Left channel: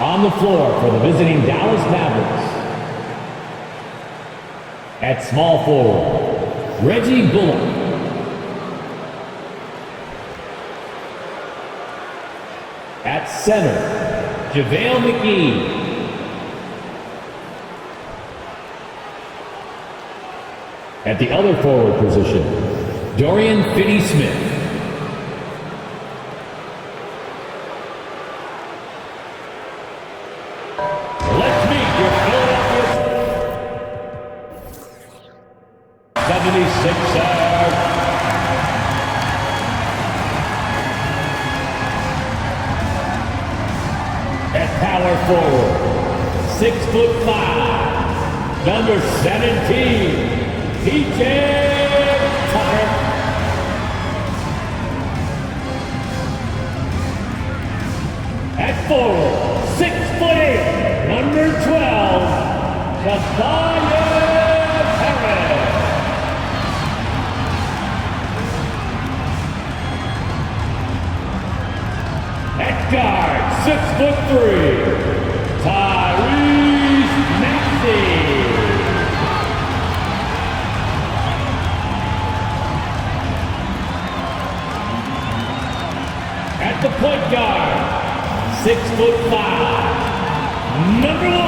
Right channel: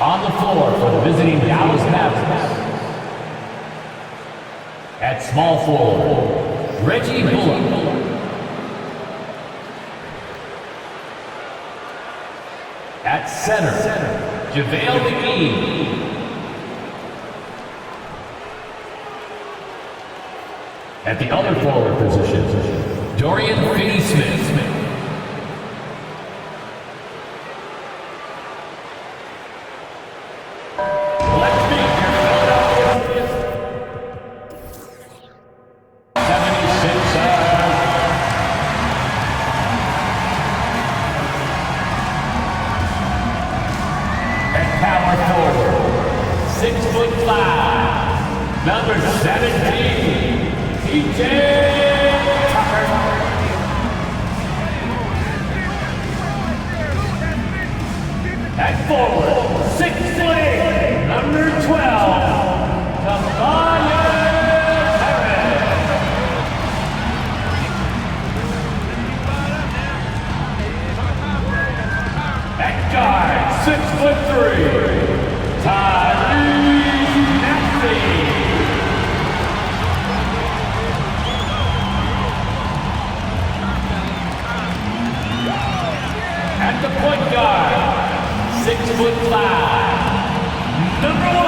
On the floor for the visiting Dallas Mavericks. At small forward, Reggie Bullock. At center, JaVale McGee. At the other forward position, Dorian Finney-Smith. Let's meet your Philadelphia 76ers. At power forward, 6'5", number 17. P.J. Tucker. At forward, 6'8", number 12, Tobias Harris. At guard, 6'3", Tyrese Maxey. At the point guard, 6'5", number 1,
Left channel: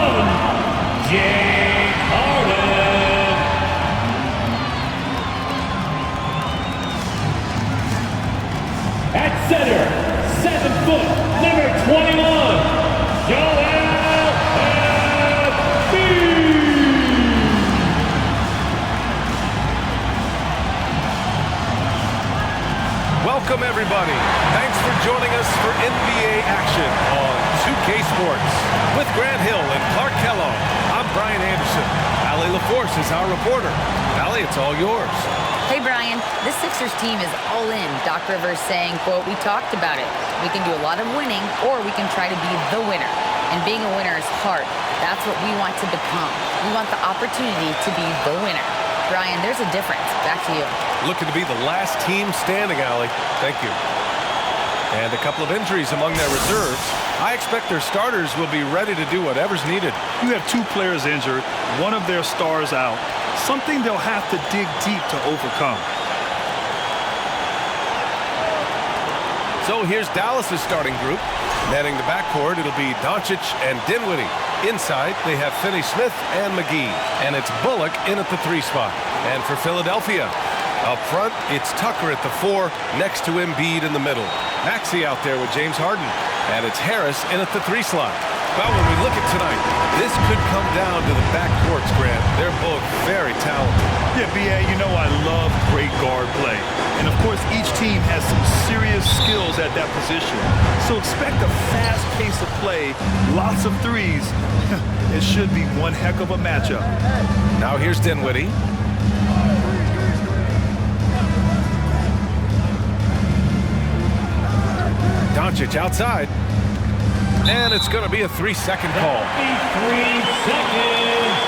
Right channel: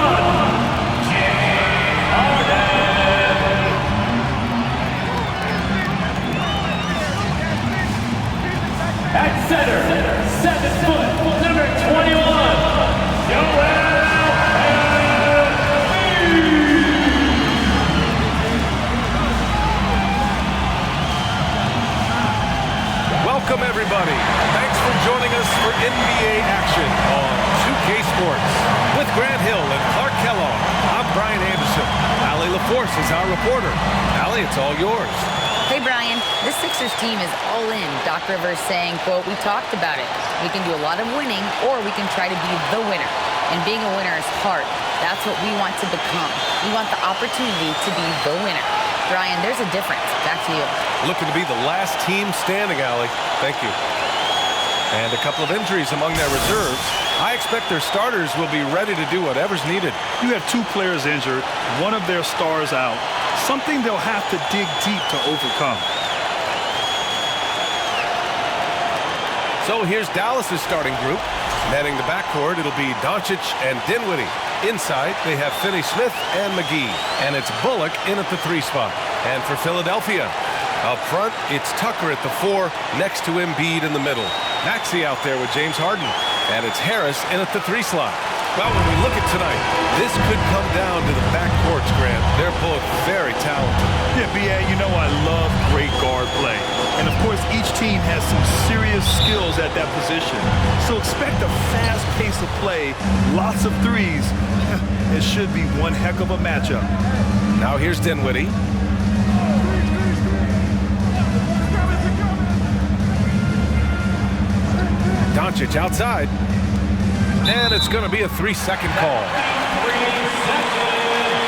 James Harden. At center, 7 foot, number 21, Joel Embiid. Welcome everybody. Thanks for joining us for NBA action on 2K Sports. With Grant Hill and Clark Kellogg, I'm Brian Anderson. Allie LaForce is our reporter. Allie, it's all yours. Hey, Brian. This Sixers team is all in. Doc Rivers saying, quote, "We talked about it. We can do a lot of winning, or we can try to be the winner. And being a winner is hard. That's what we want to become. We want the opportunity to be the winner." Brian, there's a difference. Back to you. Looking to be the last team standing, Allie. Thank you. And a couple of injuries among their reserves. I expect their starters will be ready to do whatever's needed. You have 2 players injured, one of their stars out. Something they'll have to dig deep to overcome. So here's Dallas's starting group. Manning the backcourt, it'll be Doncic and Dinwiddie. Inside, they have Finney-Smith and McGee. And it's Bullock in at the 3 spot. And for Philadelphia, up front, it's Tucker at the 4, next to Embiid in the middle. Maxey out there with James Harden. And it's Harris in at the 3 slot. Well, when we look at tonight, this could come down to the backcourts, Grant. They're both very talented. Yeah, B.A., you know I love great guard play. And, of course, each team has some serious skills at that position. So expect a fast pace of play, lots of threes. It should be one heck of a matchup. Now here's Dinwiddie. Doncic outside. And it's going to be a 3-second call. 3 seconds.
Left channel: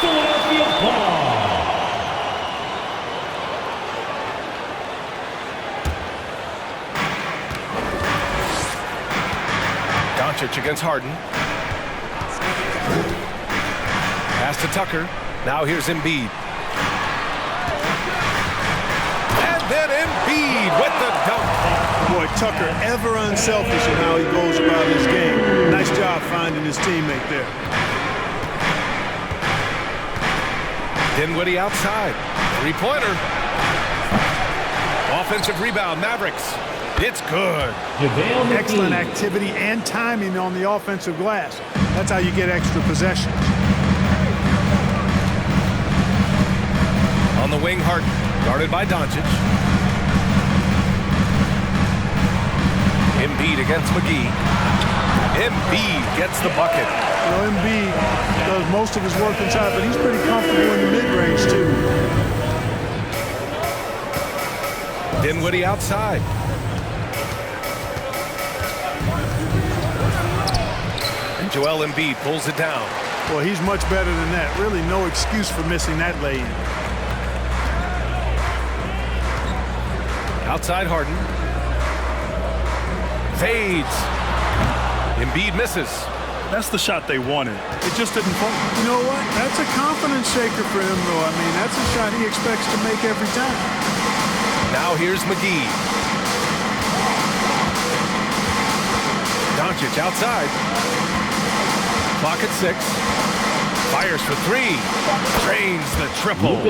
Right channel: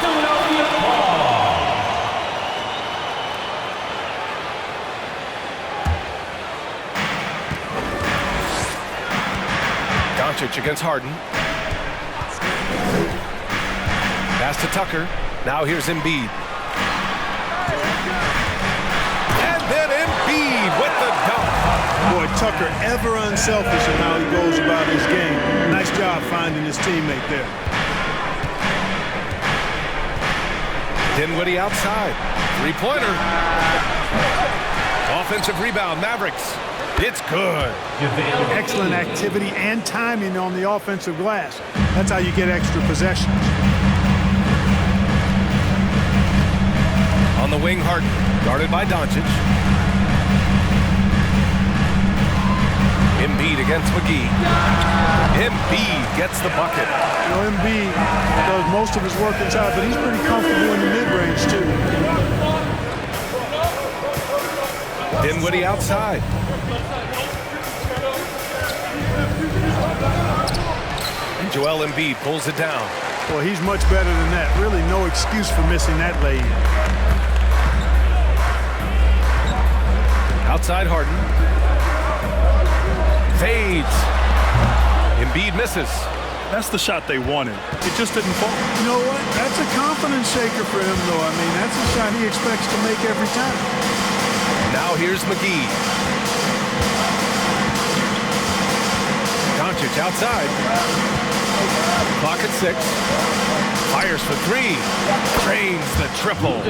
Philadelphia ball. Doncic against Harden. Pass to Tucker. Now here's Embiid. And then Embiid with the dunk. Boy, Tucker ever unselfish in how he goes about his game. Nice job finding his teammate there. Dinwiddie outside. 3-pointer. Offensive rebound, Mavericks. It's good. Excellent activity and timing on the offensive glass. That's how you get extra possessions. On the wing, Harden, guarded by Doncic. Embiid against McGee. Embiid gets the bucket. You know, Embiid does most of his work inside, but he's pretty comfortable in the mid-range, too. Dinwiddie outside. And Joel Embiid pulls it down. Well, he's much better than that. Really no excuse for missing that lay-in. Outside Harden. Fades. Embiid misses. That's the shot they wanted. It just didn't fall. You know what? That's a confidence shaker for him, though. I mean, that's a shot he expects to make every time. Now here's McGee. Doncic outside. Clock at 6. Fires for 3. Drains the triple.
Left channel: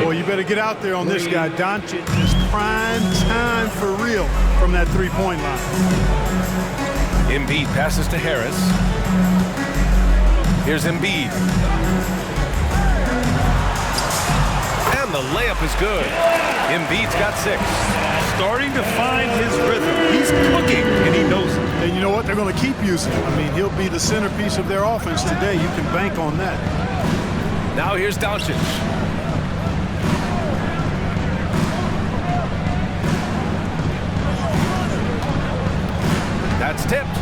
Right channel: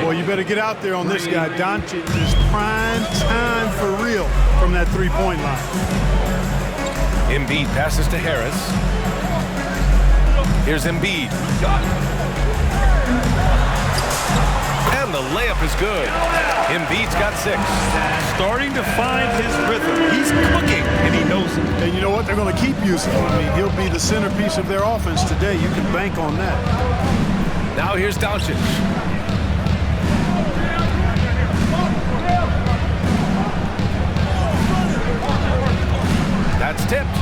Boy, you better get out there on this guy. Doncic is prime time for real from that three-point line. Embiid passes to Harris. Here's Embiid. And the layup is good. Embiid's got 6. Starting to find his rhythm. He's cooking, and he knows it. And you know what? They're going to keep using him. I mean, he'll be the centerpiece of their offense today. You can bank on that. Now here's Doncic. That's tipped.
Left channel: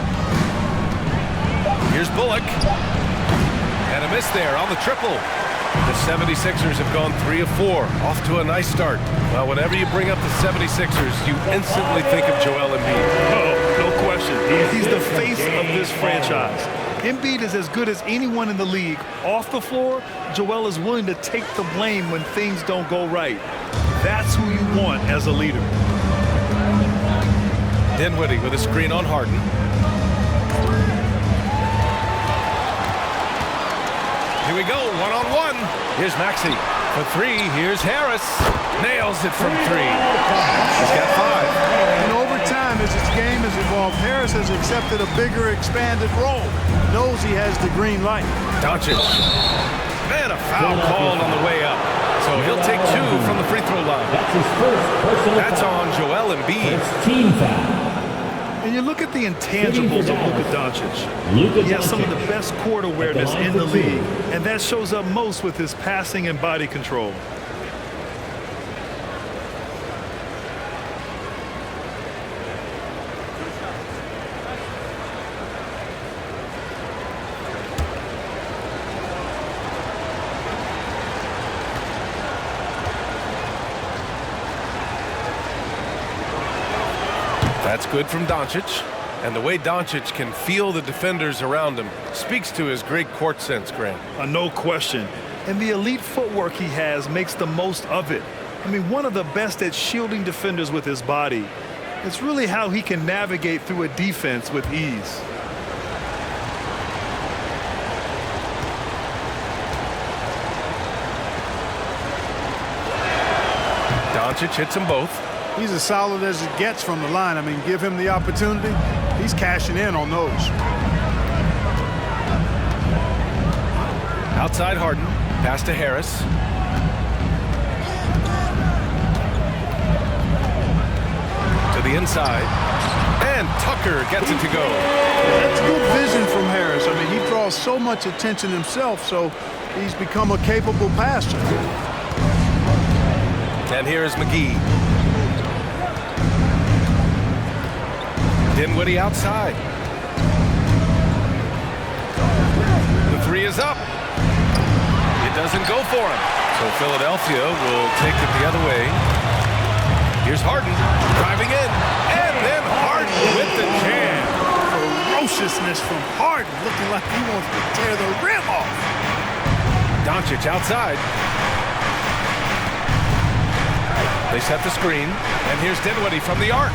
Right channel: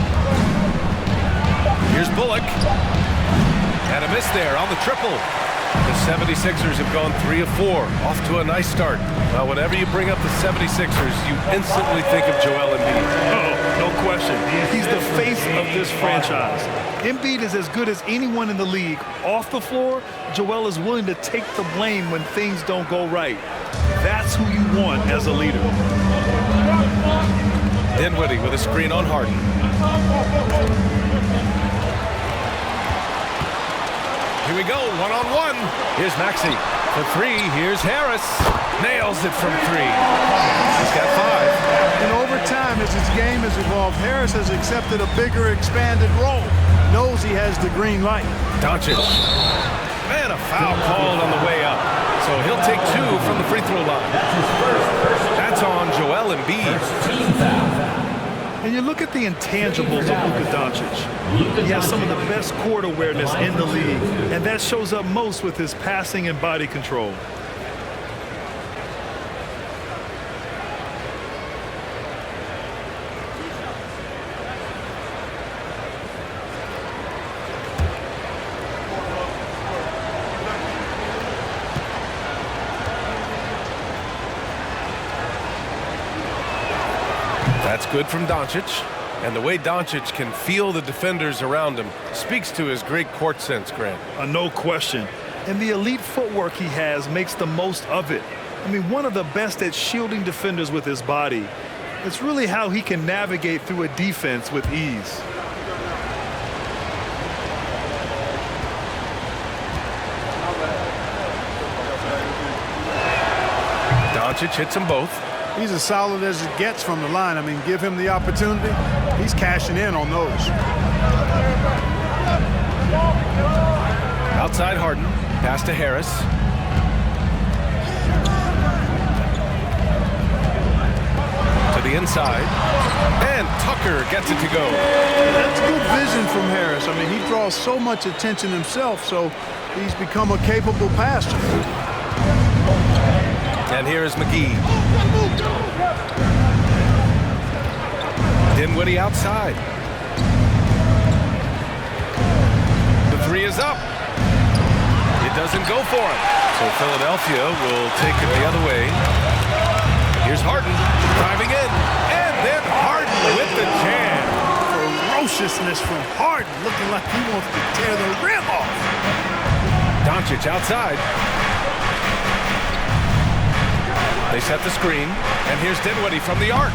Here's Bullock. And a miss there on the triple. The 76ers have gone 3 of 4. Off to a nice start. Well, whenever you bring up the 76ers, you instantly think of Joel Embiid. Oh, no question. He's the face of this franchise. Embiid is as good as anyone in the league. Off the floor, Joel is willing to take the blame when things don't go right. That's who you want as a leader. Dinwiddie with a screen on Harden. Here we go, one-on-one. Here's Maxey for 3. Here's Harris. Nails it from 3. He's got 5. And over time, as his game has evolved, Harris has accepted a bigger, expanded role. Knows he has the green light. Doncic. And a foul called on the way up. So he'll take 2 from the free throw line. That's his first personal That's foul. on Joel Embiid. First team foul. And you look at the intangibles of Luka Doncic. He has some of the best court awareness in the league, and that shows up most with his passing and body control. That's good from Doncic. And the way Doncic can feel the defenders around him speaks to his great court sense, Grant. No question. And the elite footwork he has makes the most of it. I mean, one of the best at shielding defenders with his body. It's really how he can navigate through a defense with ease. Doncic hits them both. He's as solid as it gets from the line. I mean, give him the opportunity. He's cashing in on those. Outside Harden. Pass to Harris. To the inside. And Tucker gets it to go. That's good vision from Harris. I mean, he draws so much attention himself, so he's become a capable passer. And here is McGee. Dinwiddie outside. The 3 is up. It doesn't go for him. So Philadelphia will take it the other way. Here's Harden driving in. And then Harden with the jam. Ferociousness from Harden, looking like he wants to tear the rim off. Doncic outside. They set the screen. And here's Dinwiddie from the arc.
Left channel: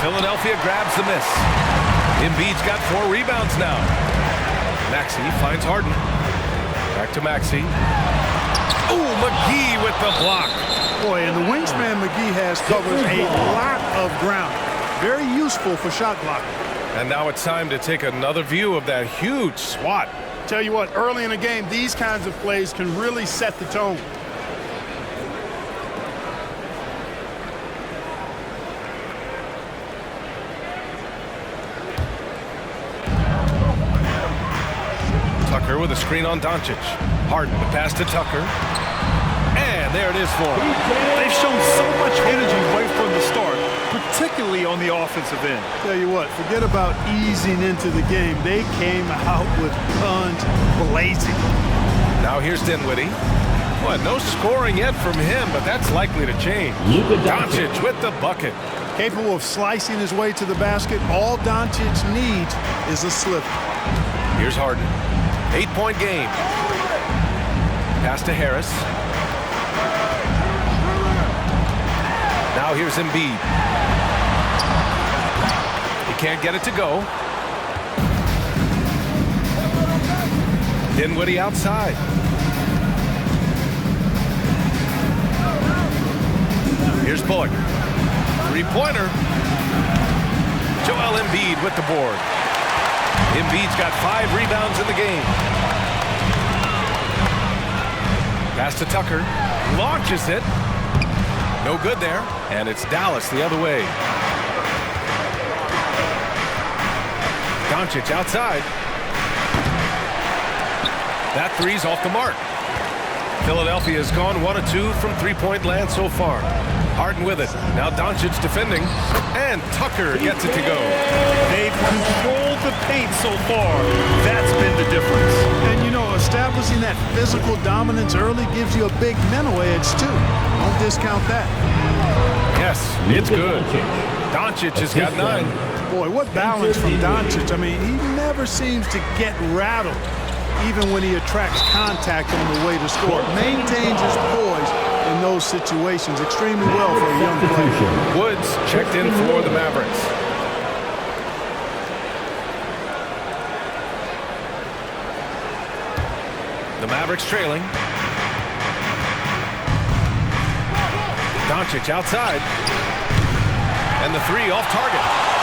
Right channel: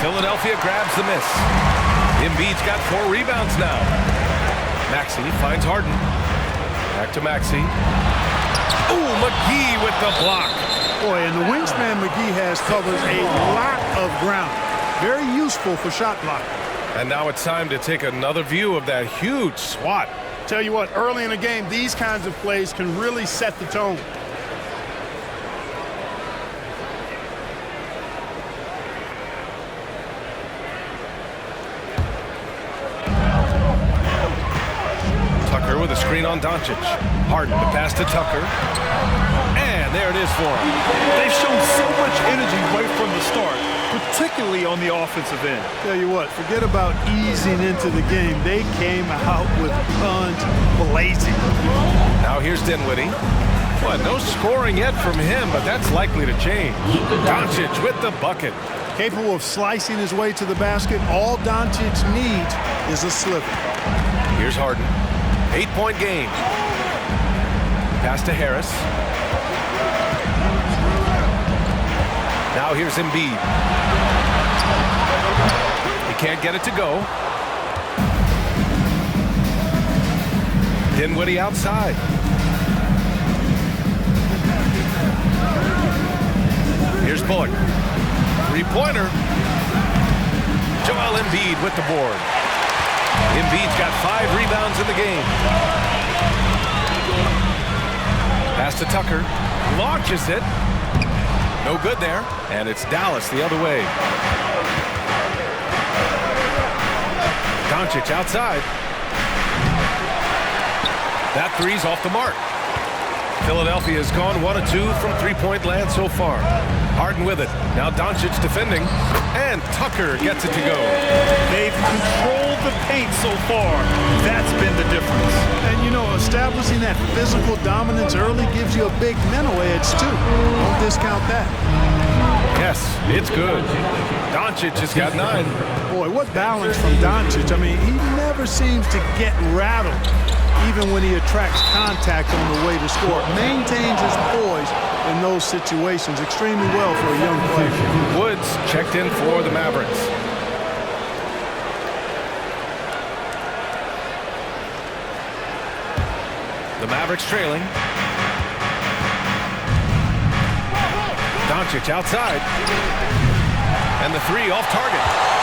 Philadelphia grabs the miss. Embiid's got 4 rebounds now. Maxey finds Harden. Back to Maxey. Ooh, McGee with the block. Boy, and the wingspan McGee has covers a lot of ground. Very useful for shot blocking. And now it's time to take another view of that huge swat. Tell you what, early in the game, these kinds of plays can really set the tone. Tucker with a screen on Doncic. Harden the pass to Tucker. And there it is for him. They've shown so much energy right from the start, particularly on the offensive end. Tell you what, forget about easing into the game. They came out with guns blazing. Now here's Dinwiddie. Well, no scoring yet from him, but that's likely to change. Luka Doncic with the bucket. Capable of slicing his way to the basket. All Doncic needs is a sliver. Here's Harden. 8-point game. Pass to Harris. Now here's Embiid. He can't get it to go. Dinwiddie outside. Here's Bullock. Three-pointer. Joel Embiid with the board. Embiid's got 5 rebounds in the game. Pass to Tucker. Launches it. No good there. And it's Dallas the other way. Doncic outside. That three's off the mark. Philadelphia has gone 1 of 2 from three-point land so far. Harden with it. Now Doncic defending. And Tucker gets it to go. They've controlled the paint so far. That's been the difference. And, you know, establishing that physical dominance early gives you a big mental edge, too. Don't discount that. Yes, it's good. Doncic has got 9. Boy, what balance from Doncic. I mean, he never seems to get rattled, even when he attracts contact on the way to score. Maintains his poise in those situations extremely well for a young player. Woods checked in for the Mavericks. The Mavericks trailing. Doncic outside. And the three off target.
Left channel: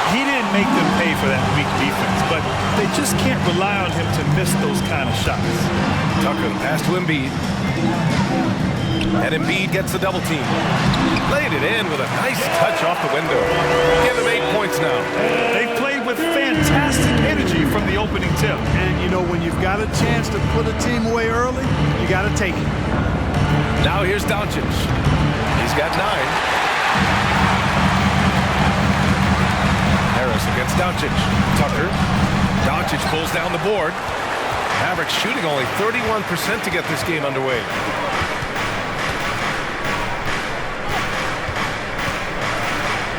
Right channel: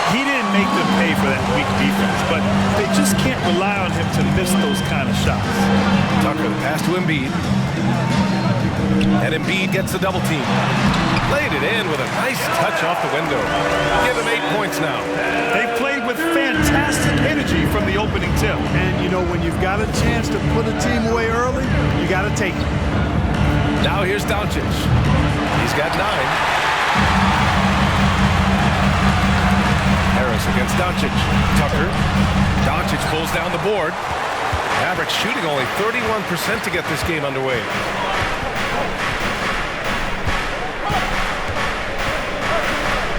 He didn't make them pay for that weak defense, but they just can't rely on him to miss those kind of shots. Tucker, the pass to Embiid. And Embiid gets the double team. Laid it in with a nice touch off the window. Give him 8 points now. They've played with fantastic energy from the opening tip. And, you know, when you've got a chance to put a team away early, you got to take it. Now here's Doncic. He's got 9. Harris against Doncic. Tucker. Doncic pulls down the board. Mavericks shooting only 31% to get this game underway.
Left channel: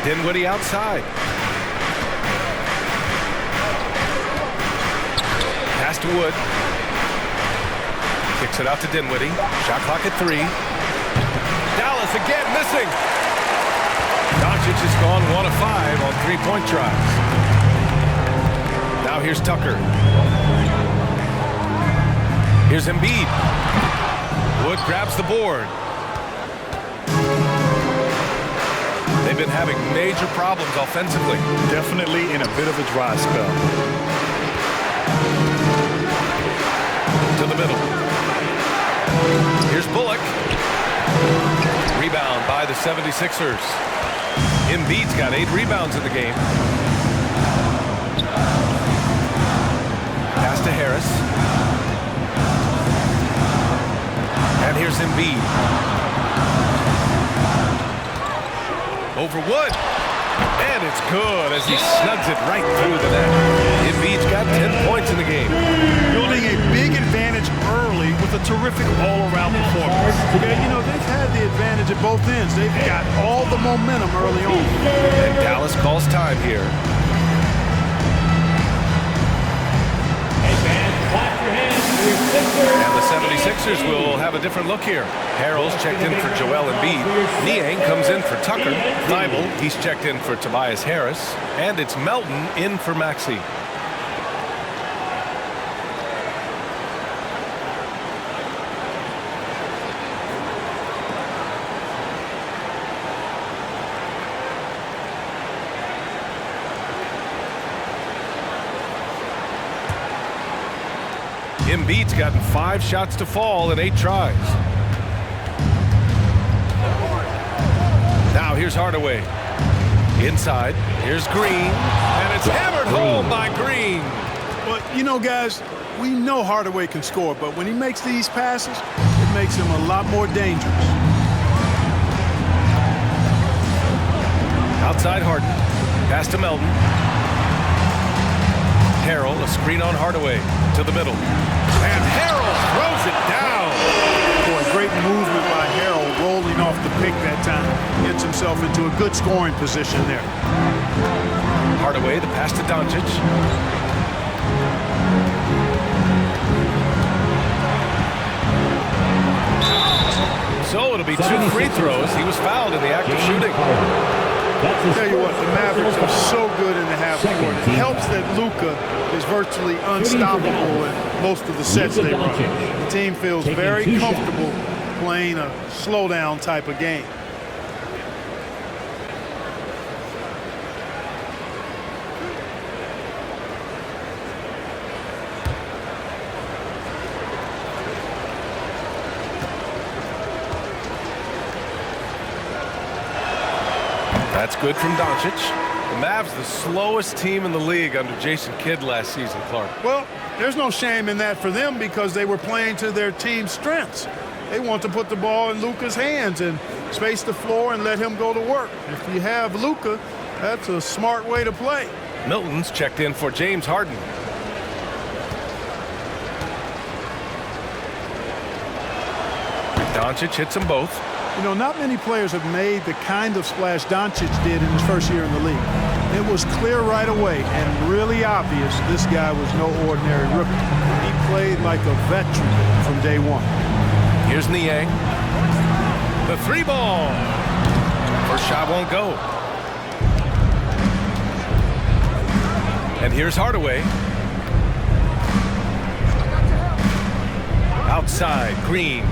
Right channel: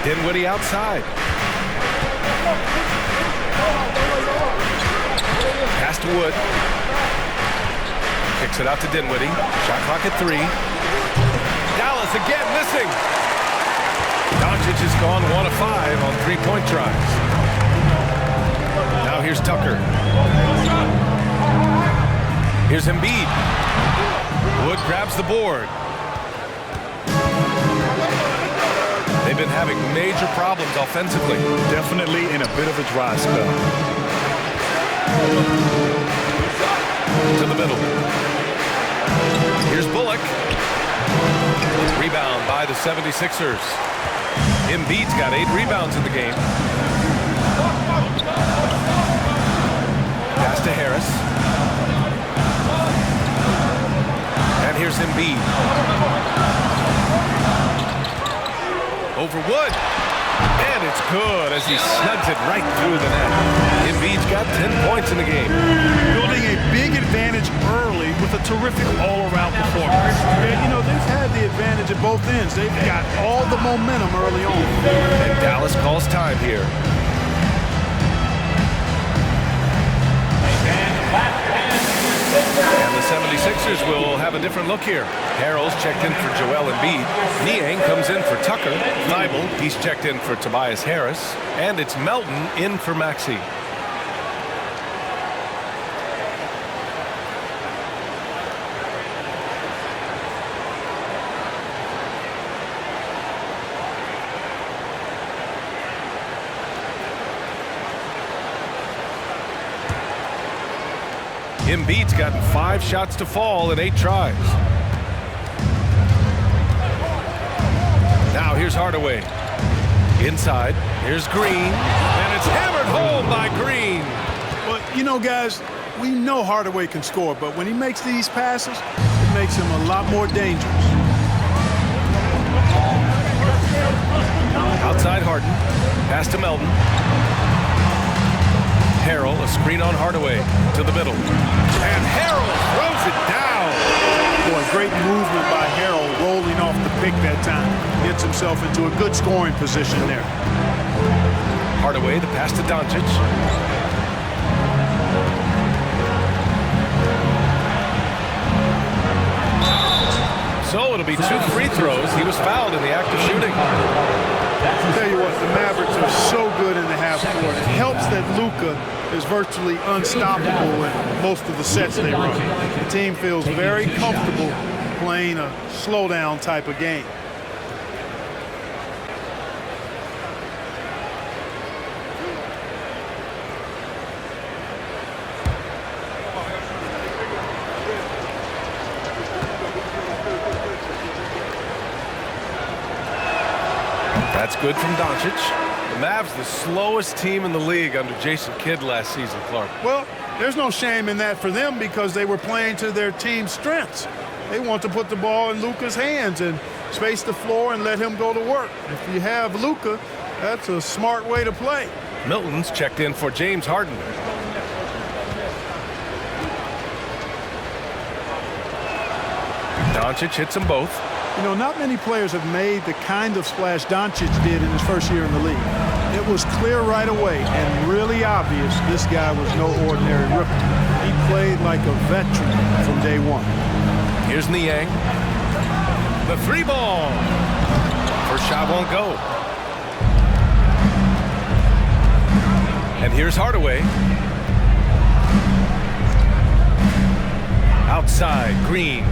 Dinwiddie outside. Pass to Wood. Kicks it out to Dinwiddie. Shot clock at 3. Dallas again missing. Doncic has gone 1 of 5 on three-point tries. Now here's Tucker. Here's Embiid. Wood grabs the board. They've been having major problems offensively. Definitely in a bit of a dry spell. To the middle. Here's Bullock. Rebound by the 76ers. Embiid's got 8 rebounds in the game. Pass to Harris. And here's Embiid. Over Wood. And it's good as he snugs it right through the net. Embiid's got 10 points in the game. Building a big advantage early with a terrific all-around performance. Yeah, you know, they've had the advantage at both ends. They've got all the momentum early on. And Dallas calls time here. And the 76ers will have a different look here. Harrell's checked in for Joel Embiid. Niang comes in for Tucker. Thibault, he's checked in for Tobias Harris. And it's Melton in for Maxey. Embiid's gotten 5 shots to fall in 8 tries. Now here's Hardaway. Inside. Here's Green. And it's hammered home by Green. Well, you know, guys, we know Hardaway can score, but when he makes these passes, it makes him a lot more dangerous. Outside Harden. Pass to Melton. Harrell, a screen on Hardaway. To the middle. And Harrell throws it down. Boy, Great movement by Harrell, rolling off the pick that time. Gets himself into a good scoring position there. Hardaway, the pass to Doncic. So it'll be 2 free throws. He was fouled in the act of shooting. Tell you what, the Mavericks are so good in the half court. It helps that Luka is virtually unstoppable in most of the sets they run. The team feels very comfortable playing a slowdown type of game. That's good from Doncic. The Mavs, the slowest team in the league under Jason Kidd last season, Clark. Well, there's no shame in that for them because they were playing to their team's strengths. They want to put the ball in Luka's hands and space the floor and let him go to work. If you have Luka, that's a smart way to play. Milton's checked in for James Harden. Doncic hits them both. You know, not many players have made the kind of splash Doncic did in his first year in the league. It was clear right away and really obvious this guy was no ordinary rookie. He played like a veteran from day one. Here's Niang. The 3 ball. First shot won't go. And here's Hardaway. Outside, Green.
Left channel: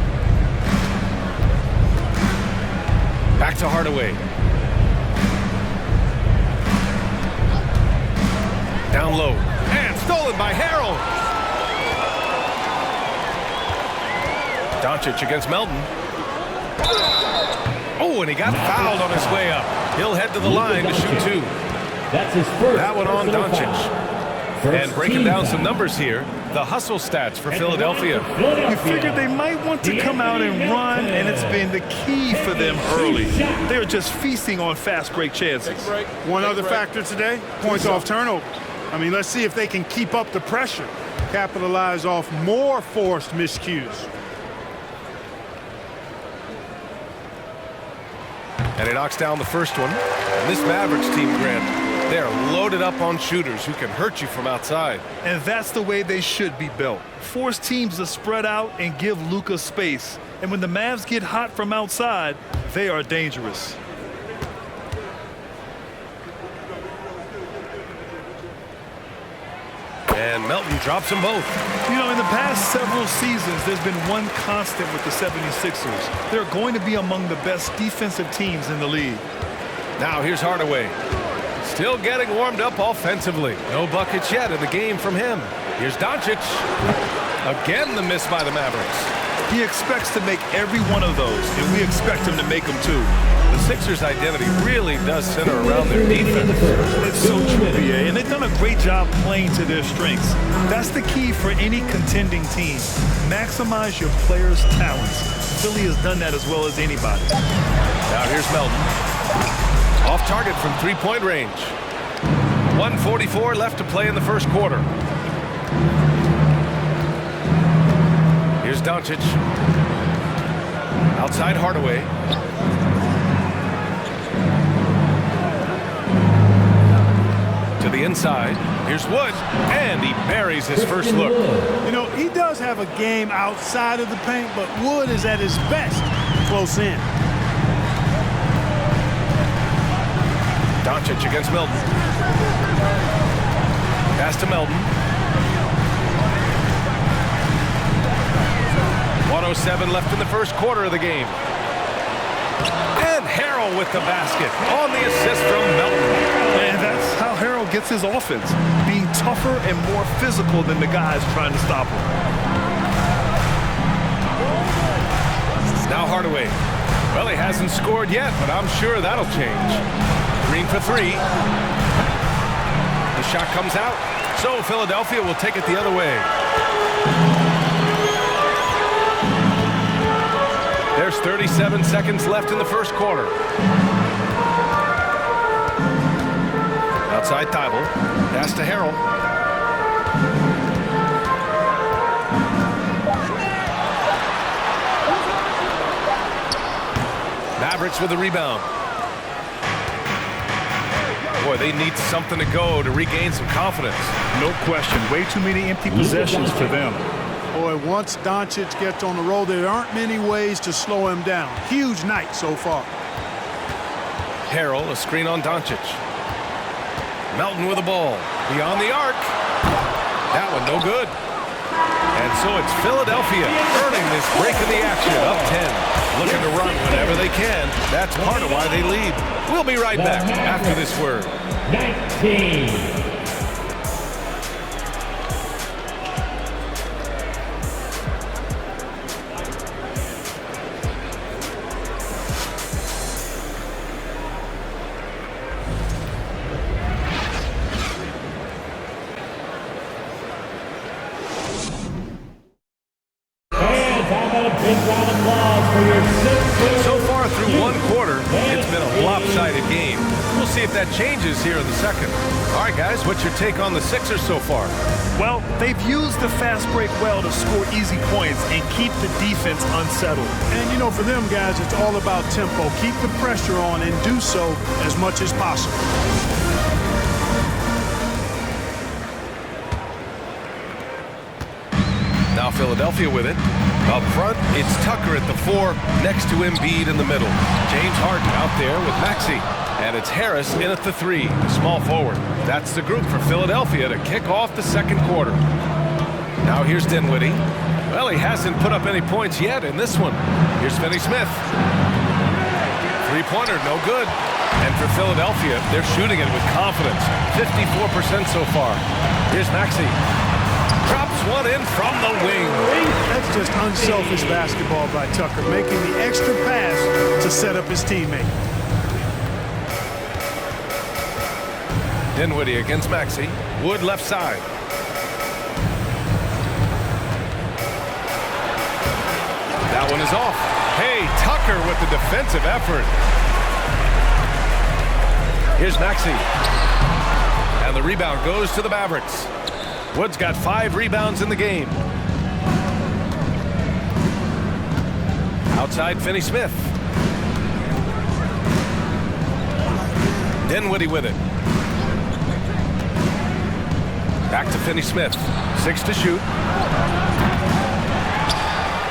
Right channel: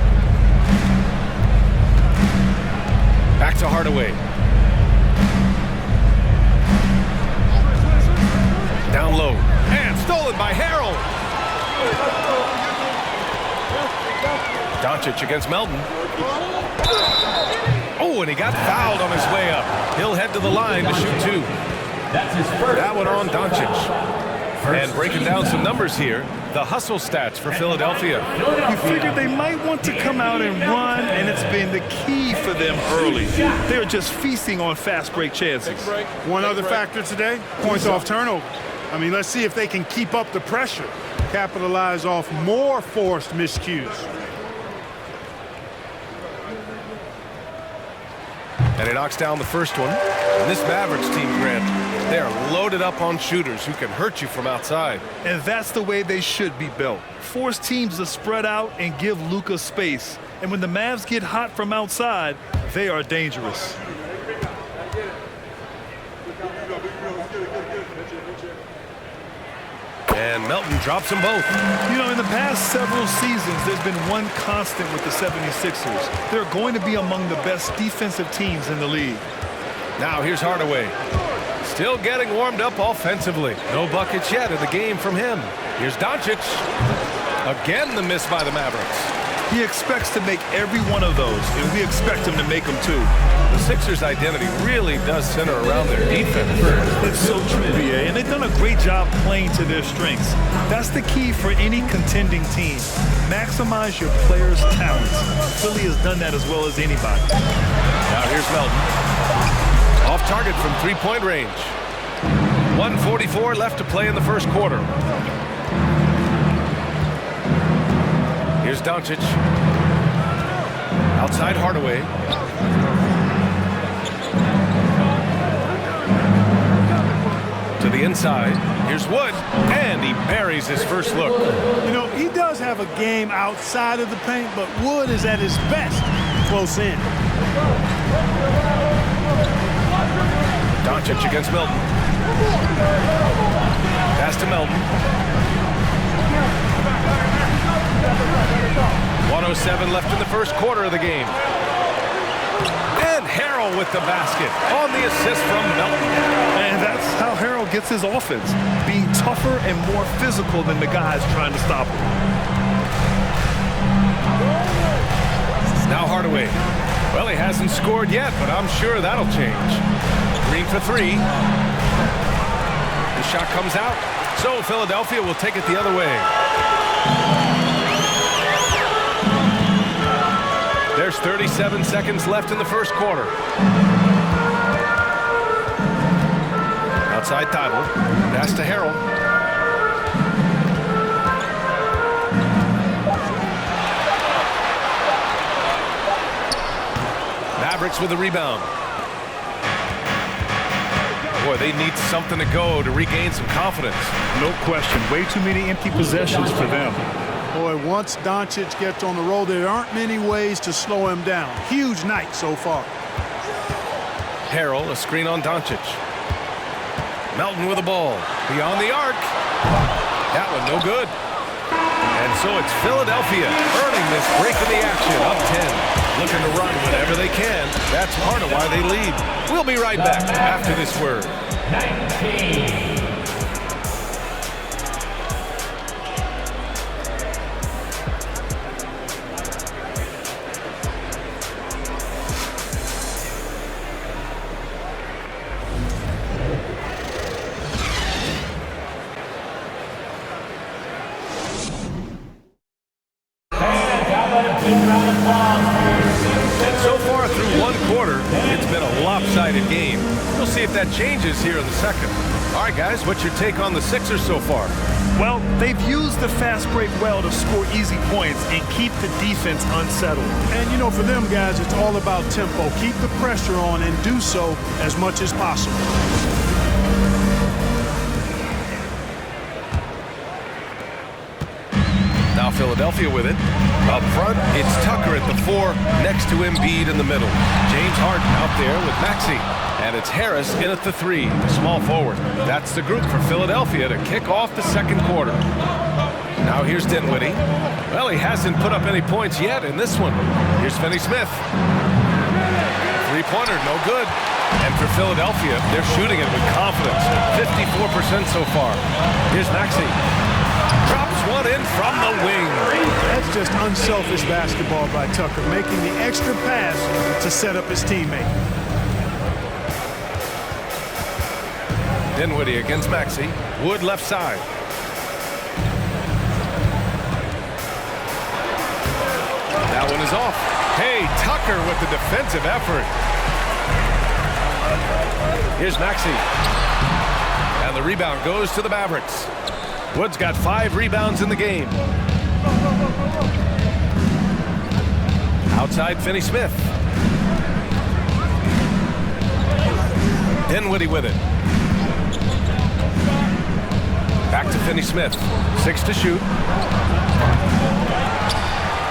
Back to Hardaway. Down low. And stolen by Harrell. Doncic against Melton. Oh, and he got fouled on his way up. He'll head to the line to shoot 2. That's his first. That one on Doncic. And breaking down some foul. numbers here, the hustle stats for Philadelphia. You figured they might want to come out and run, and it's been the key for them early. They're just feasting on fast break chances. One other factor today, points off turnovers. I mean, let's see if they can keep up the pressure, capitalize off more forced miscues. And he knocks down the first one. And this Mavericks team, Grant, they are loaded up on shooters who can hurt you from outside. And that's the way they should be built. Force teams to spread out and give Luka space. And when the Mavs get hot from outside, they are dangerous. And Melton drops them both. You know, in the past several seasons, there's been one constant with the 76ers. They're going to be among the best defensive teams in the league. Now here's Hardaway. Still getting warmed up offensively. No buckets yet in the game from him. Here's Doncic. Again, the miss by the Mavericks. He expects to make every one of those, and we expect him to make them too. The Sixers' identity really does center around their defense. It's so true, BA, and they've done a great job playing to their strengths. That's the key for any contending team. Maximize your players' talents. Philly has done that as well as anybody. Now here's Melton. Off target from three-point range. 1:44 left to play in the first quarter. Here's Doncic. Outside Hardaway. To the inside. Here's Wood. And he buries his first look. You know, he does have a game outside of the paint, but Wood is at his best close in. Doncic against Melton. Pass to Melton. 1:07 left in the first quarter of the game. And Harrell with the basket on the assist from Melton. And that's how Harrell gets his offense, being tougher and more physical than the guys trying to stop him. Now Hardaway. Well, he hasn't scored yet, but I'm sure that'll change. Green for 3. The shot comes out, so Philadelphia will take it the other way. There's 37 seconds left in the first quarter. Outside Thibault. Pass to Harrell. Mavericks with the rebound. Boy, they need something to go to regain some confidence. No question. Way too many empty possessions for them. Boy, once Doncic gets on the roll, there aren't many ways to slow him down. Huge night so far. Harrell, a screen on Doncic. Melton with the ball. Beyond the arc. That one no good. And so it's Philadelphia earning this break in the action, up 10. Looking to run whenever they can. That's part of why they lead. We'll be right back after this word. 19. And so far through one quarter, it's been a lopsided game. We'll see if that changes here in the second. All right, guys, what's your take on the Sixers so far? Well, they've used the fast break well to score easy points and keep the defense unsettled. And, you know, for them guys, it's all about tempo. Keep the pressure on and do so as much as possible. Now Philadelphia with it. Up front, it's Tucker at the 4, next to Embiid in the middle. James Harden out there with Maxey. And it's Harris in at the 3, the small forward. That's the group for Philadelphia to kick off the second quarter. Now here's Dinwiddie. Well, he hasn't put up any points yet in this one. Here's Finney Smith. Three-pointer, no good. And for Philadelphia, they're shooting it with confidence. 54% so far. Here's Maxey. Drops one in from the wing. That's just unselfish basketball by Tucker, making the extra pass to set up his teammate. Dinwiddie against Maxey. Wood left side. That one is off. Hey, Tucker with the defensive effort. Here's Maxey. And the rebound goes to the Mavericks. Wood's got 5 rebounds in the game. Outside, Finney Smith. Dinwiddie with it. Back to Finney Smith. 6 to shoot.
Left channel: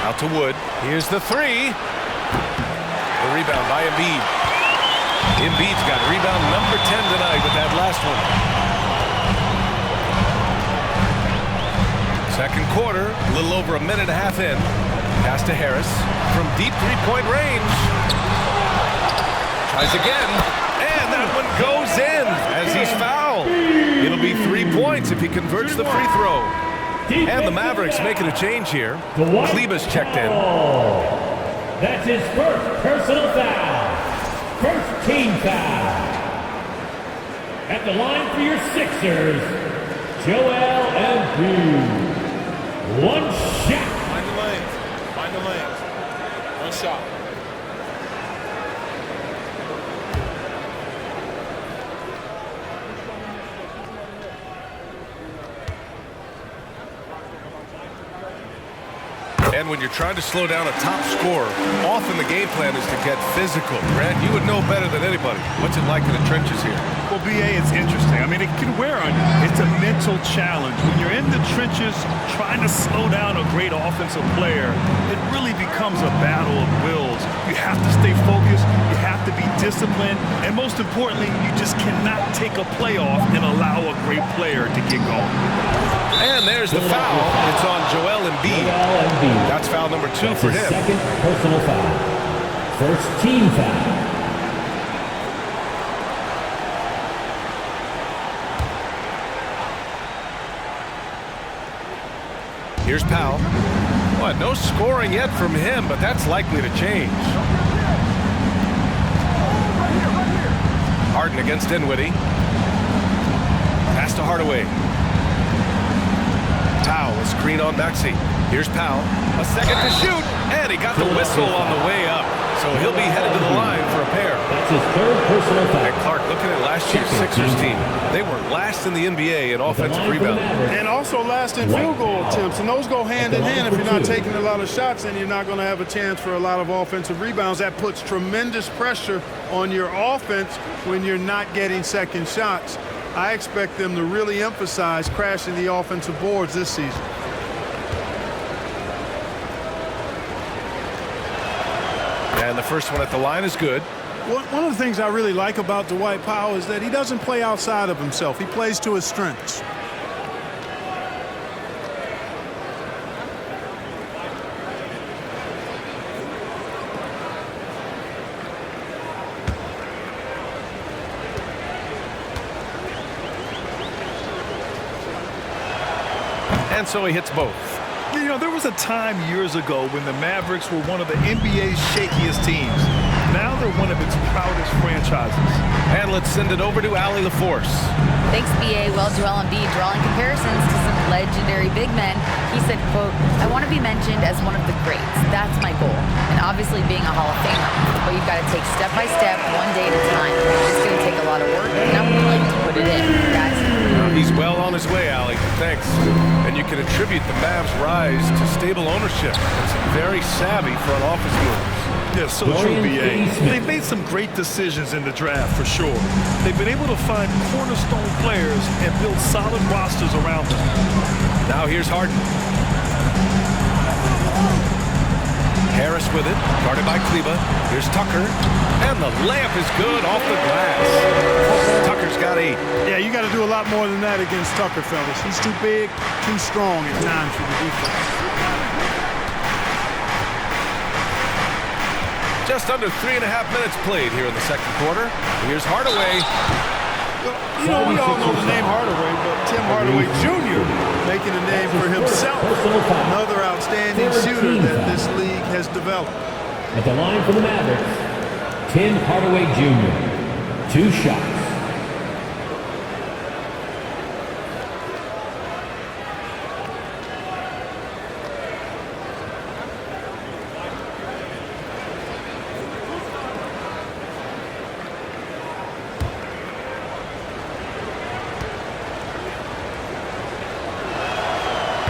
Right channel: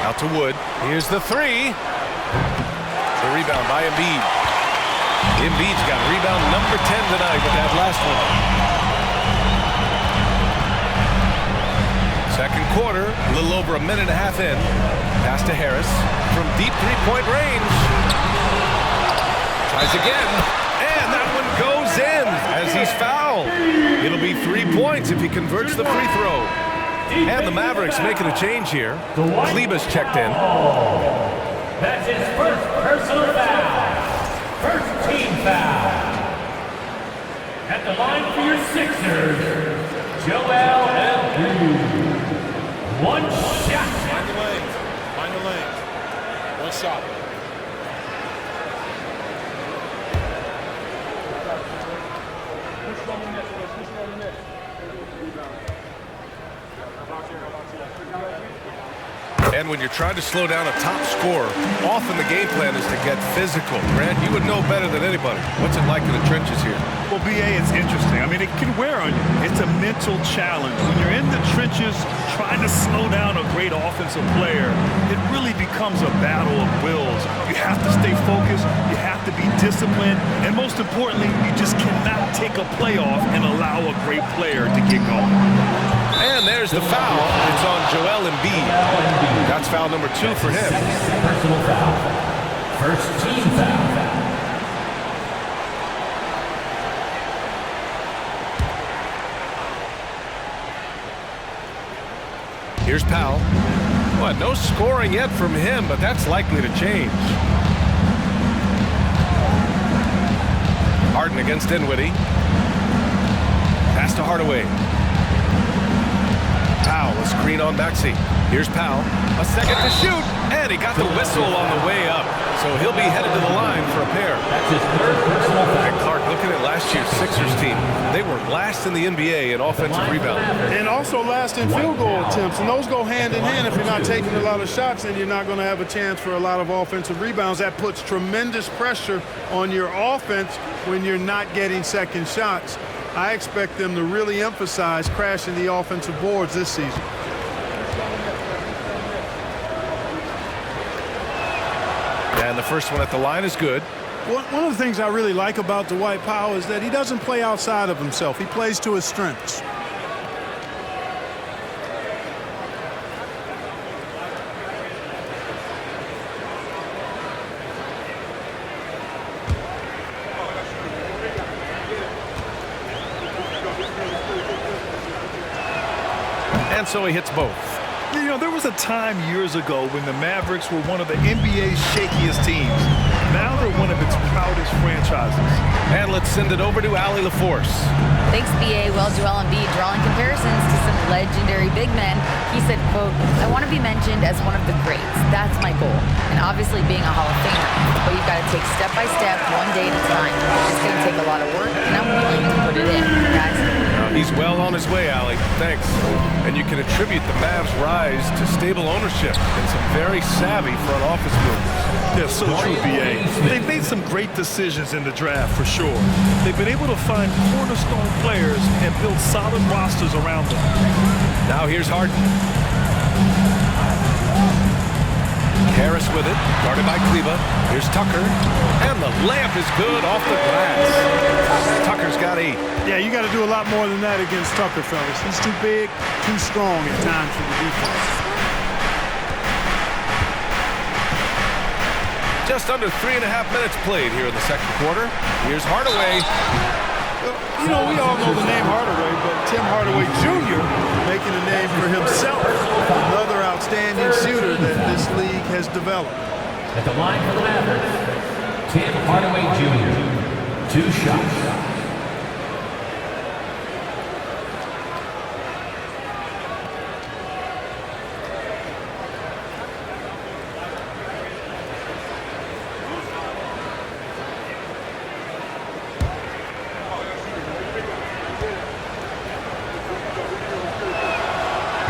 Out to Wood. Here's the 3. The rebound by Embiid. Embiid's got rebound number 10 tonight with that last one. Second quarter, a little over a minute and a half in. Pass to Harris from deep three-point range. Tries again, and that one goes in as he's fouled. It'll be 3 points if he converts the free throw. And the Mavericks making a change here. Kleber's checked in. That's his first personal foul. First team foul. At the line for your Sixers, Joel Embiid. One shot. Find the lanes. Find the lanes. One shot. And when you're trying to slow down a top scorer, often the game plan is to get physical. Grant, you would know better than anybody. What's it like in the trenches here? Well, BA, it's interesting. I mean, it can wear on you. It's a mental challenge. When you're in the trenches trying to slow down a great offensive player, it really becomes a battle of wills. You have to stay focused. You have to be disciplined. And most importantly, you just cannot take a play off and allow a great player to get going. And there's the foul. It's on Joel Embiid. That's foul number 2 for him. Second personal foul. First team foul. Here's Powell. Well, no scoring yet from him, but that's likely to change. Harden against Dinwiddie. Pass to Hardaway. Powell, a screen on Maxey. Here's Powell. A second to shoot. And he got the whistle on the way up. So he'll be headed to the line for a pair. That's his third personal foul. And Clark, looking at last year's Sixers team, they were last in the NBA in offensive rebound. And also last in field goal attempts. And those go hand in hand. If you're not taking a lot of shots, then you're not going to have a chance for a lot of offensive rebounds. That puts tremendous pressure on your offense when you're not getting second shots. I expect them to really emphasize crashing the offensive boards this season. And the first one at the line is good. One of the things I really like about Dwight Powell is that he doesn't play outside of himself. He plays to his strengths. And so he hits both. You know, there was a time years ago when the Mavericks were one of the NBA's shakiest teams. Now they're one of its proudest franchises. And let's send it over to Allie LaForce. Thanks, B.A. Well, Joel Embiid drawing comparisons to some legendary big men. He said, quote, "I want to be mentioned as one of the greats. That's my goal. And obviously being a Hall of Famer. But you've got to take step by step, one day at a time. It's going to take a lot of work, and I'm willing to put it in, guys." He's well on his way, Allie. Thanks. And you can attribute the Mavs' rise to stable ownership and some very savvy front office moves. Yeah, so true, B.A. They've made some great decisions in the draft, for sure. They've been able to find cornerstone players and build solid rosters around them. Now here's Harden. Harris with it, guarded by Kleba. Here's Tucker. And the layup is good off the glass. Tucker's got 8. Yeah, you got to do a lot more than that against Tucker, fellas. He's too big, too strong at times for the defense. Just under 3.5 minutes played here in the second quarter. Here's Hardaway. Well, you know, we all know the name Hardaway, but Tim Hardaway Jr. making a name for himself. Another outstanding shooter that this league has developed. At the line for the Mavericks, Tim Hardaway Jr. 2 shots.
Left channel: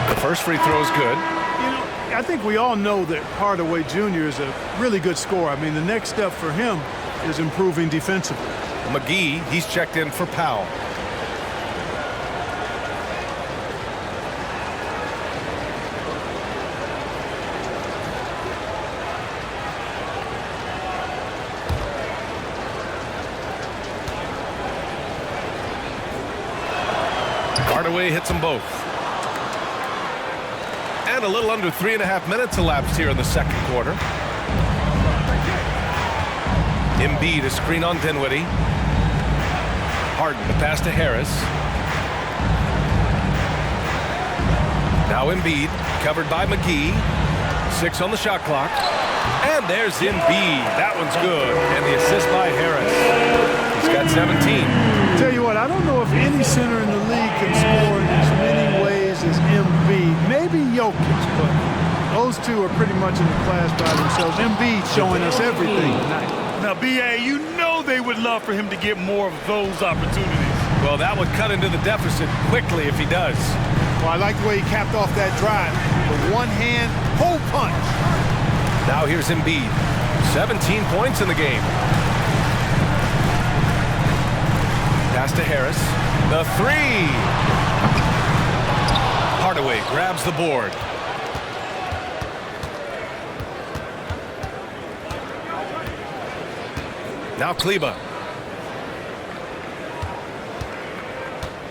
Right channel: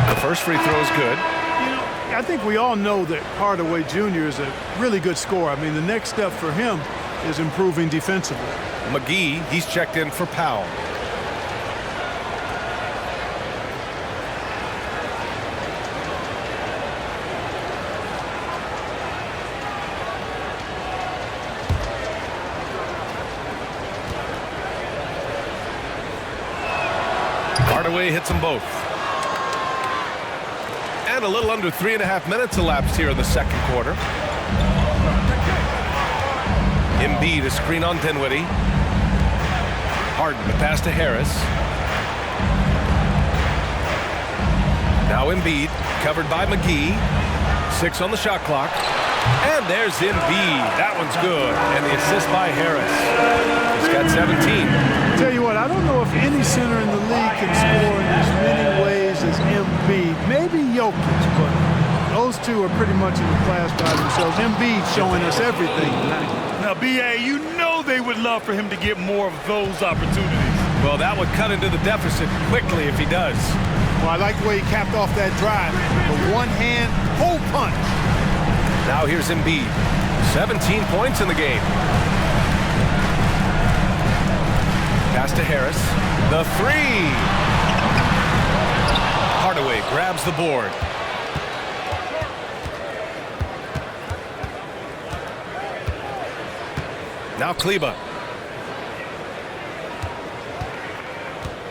The first free throw is good. You know, I think we all know that Hardaway Jr. is a really good scorer. I mean, the next step for him is improving defensively. McGee, he's checked in for Powell. Hardaway hits them both. And a little under 3.5 minutes elapsed here in the second quarter. Embiid, a screen on Dinwiddie. Harden, the pass to Harris. Now Embiid, covered by McGee. 6 on the shot clock. And there's Embiid. That one's good. And the assist by Harris. He's got 17. Tell you what, I don't know if any center in the league can score in as many ways as Embiid. Maybe Jokic, but those two are pretty much in the class by themselves. Embiid showing us everything tonight. Now, B.A., you know they would love for him to get more of those opportunities. Well, that would cut into the deficit quickly if he does. Well, I like the way he capped off that drive. The one-hand hole punch. Now here's Embiid. 17 points in the game. Pass to Harris. The 3. Hardaway grabs the board. Now Kleba.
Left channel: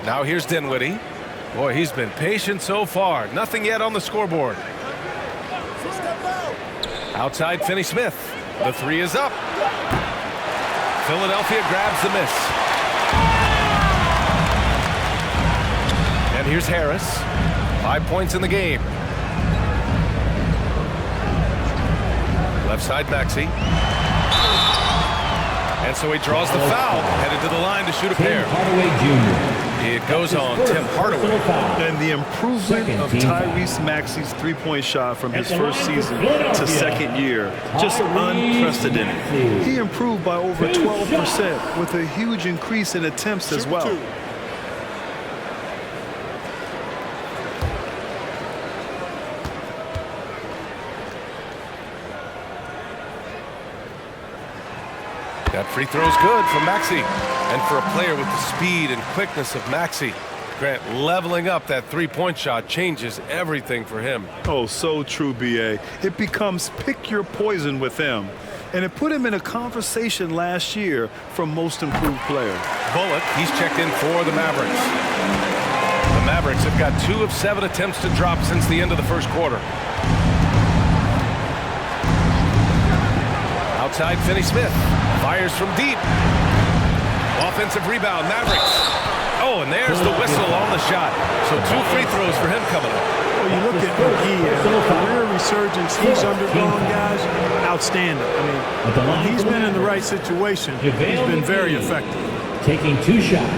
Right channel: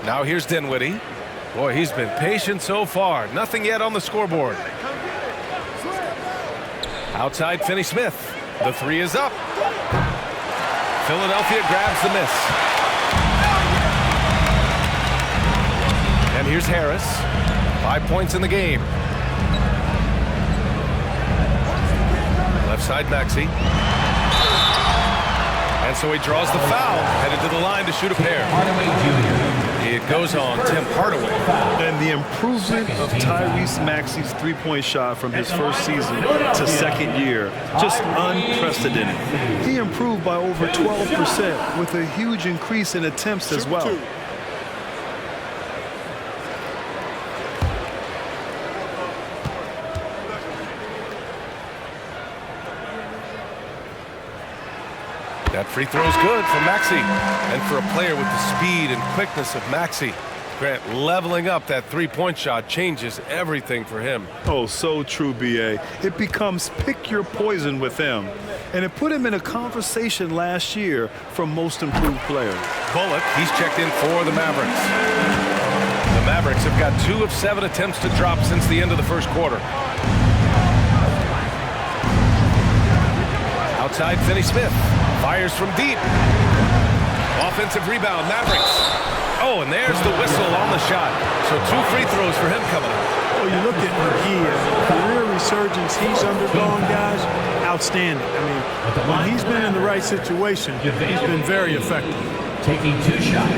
Now here's Dinwiddie. Boy, he's been patient so far. Nothing yet on the scoreboard. Outside Finney-Smith. The 3 is up. Philadelphia grabs the miss. And here's Harris. 5 points in the game. Left side Maxey. And so he draws the foul, headed to the line to shoot a pair. Hardaway Jr. It goes on Tim Hardaway. And the improvement of Tyrese Maxey's three-point shot from his first season to second year, just unprecedented. He improved by over 12% with a huge increase in attempts as well. That free throw's good for Maxey. And for a player with the speed and quickness of Maxey, Grant, leveling up that three-point shot changes everything for him. Oh, so true, B.A. It becomes pick your poison with him. And it put him in a conversation last year for most improved player. Bullock, he's checked in for the Mavericks. The Mavericks have got 2 of 7 attempts to drop since the end of the first quarter. Outside, Finney Smith fires from deep. Offensive rebound, Mavericks. Oh, and there's the whistle on the shot. So 2 free throws for him coming up. Well, you look at McGee and the career resurgence he's undergone, guys, outstanding. I mean, when he's been in the right situation, he's been very effective. Taking 2 shots.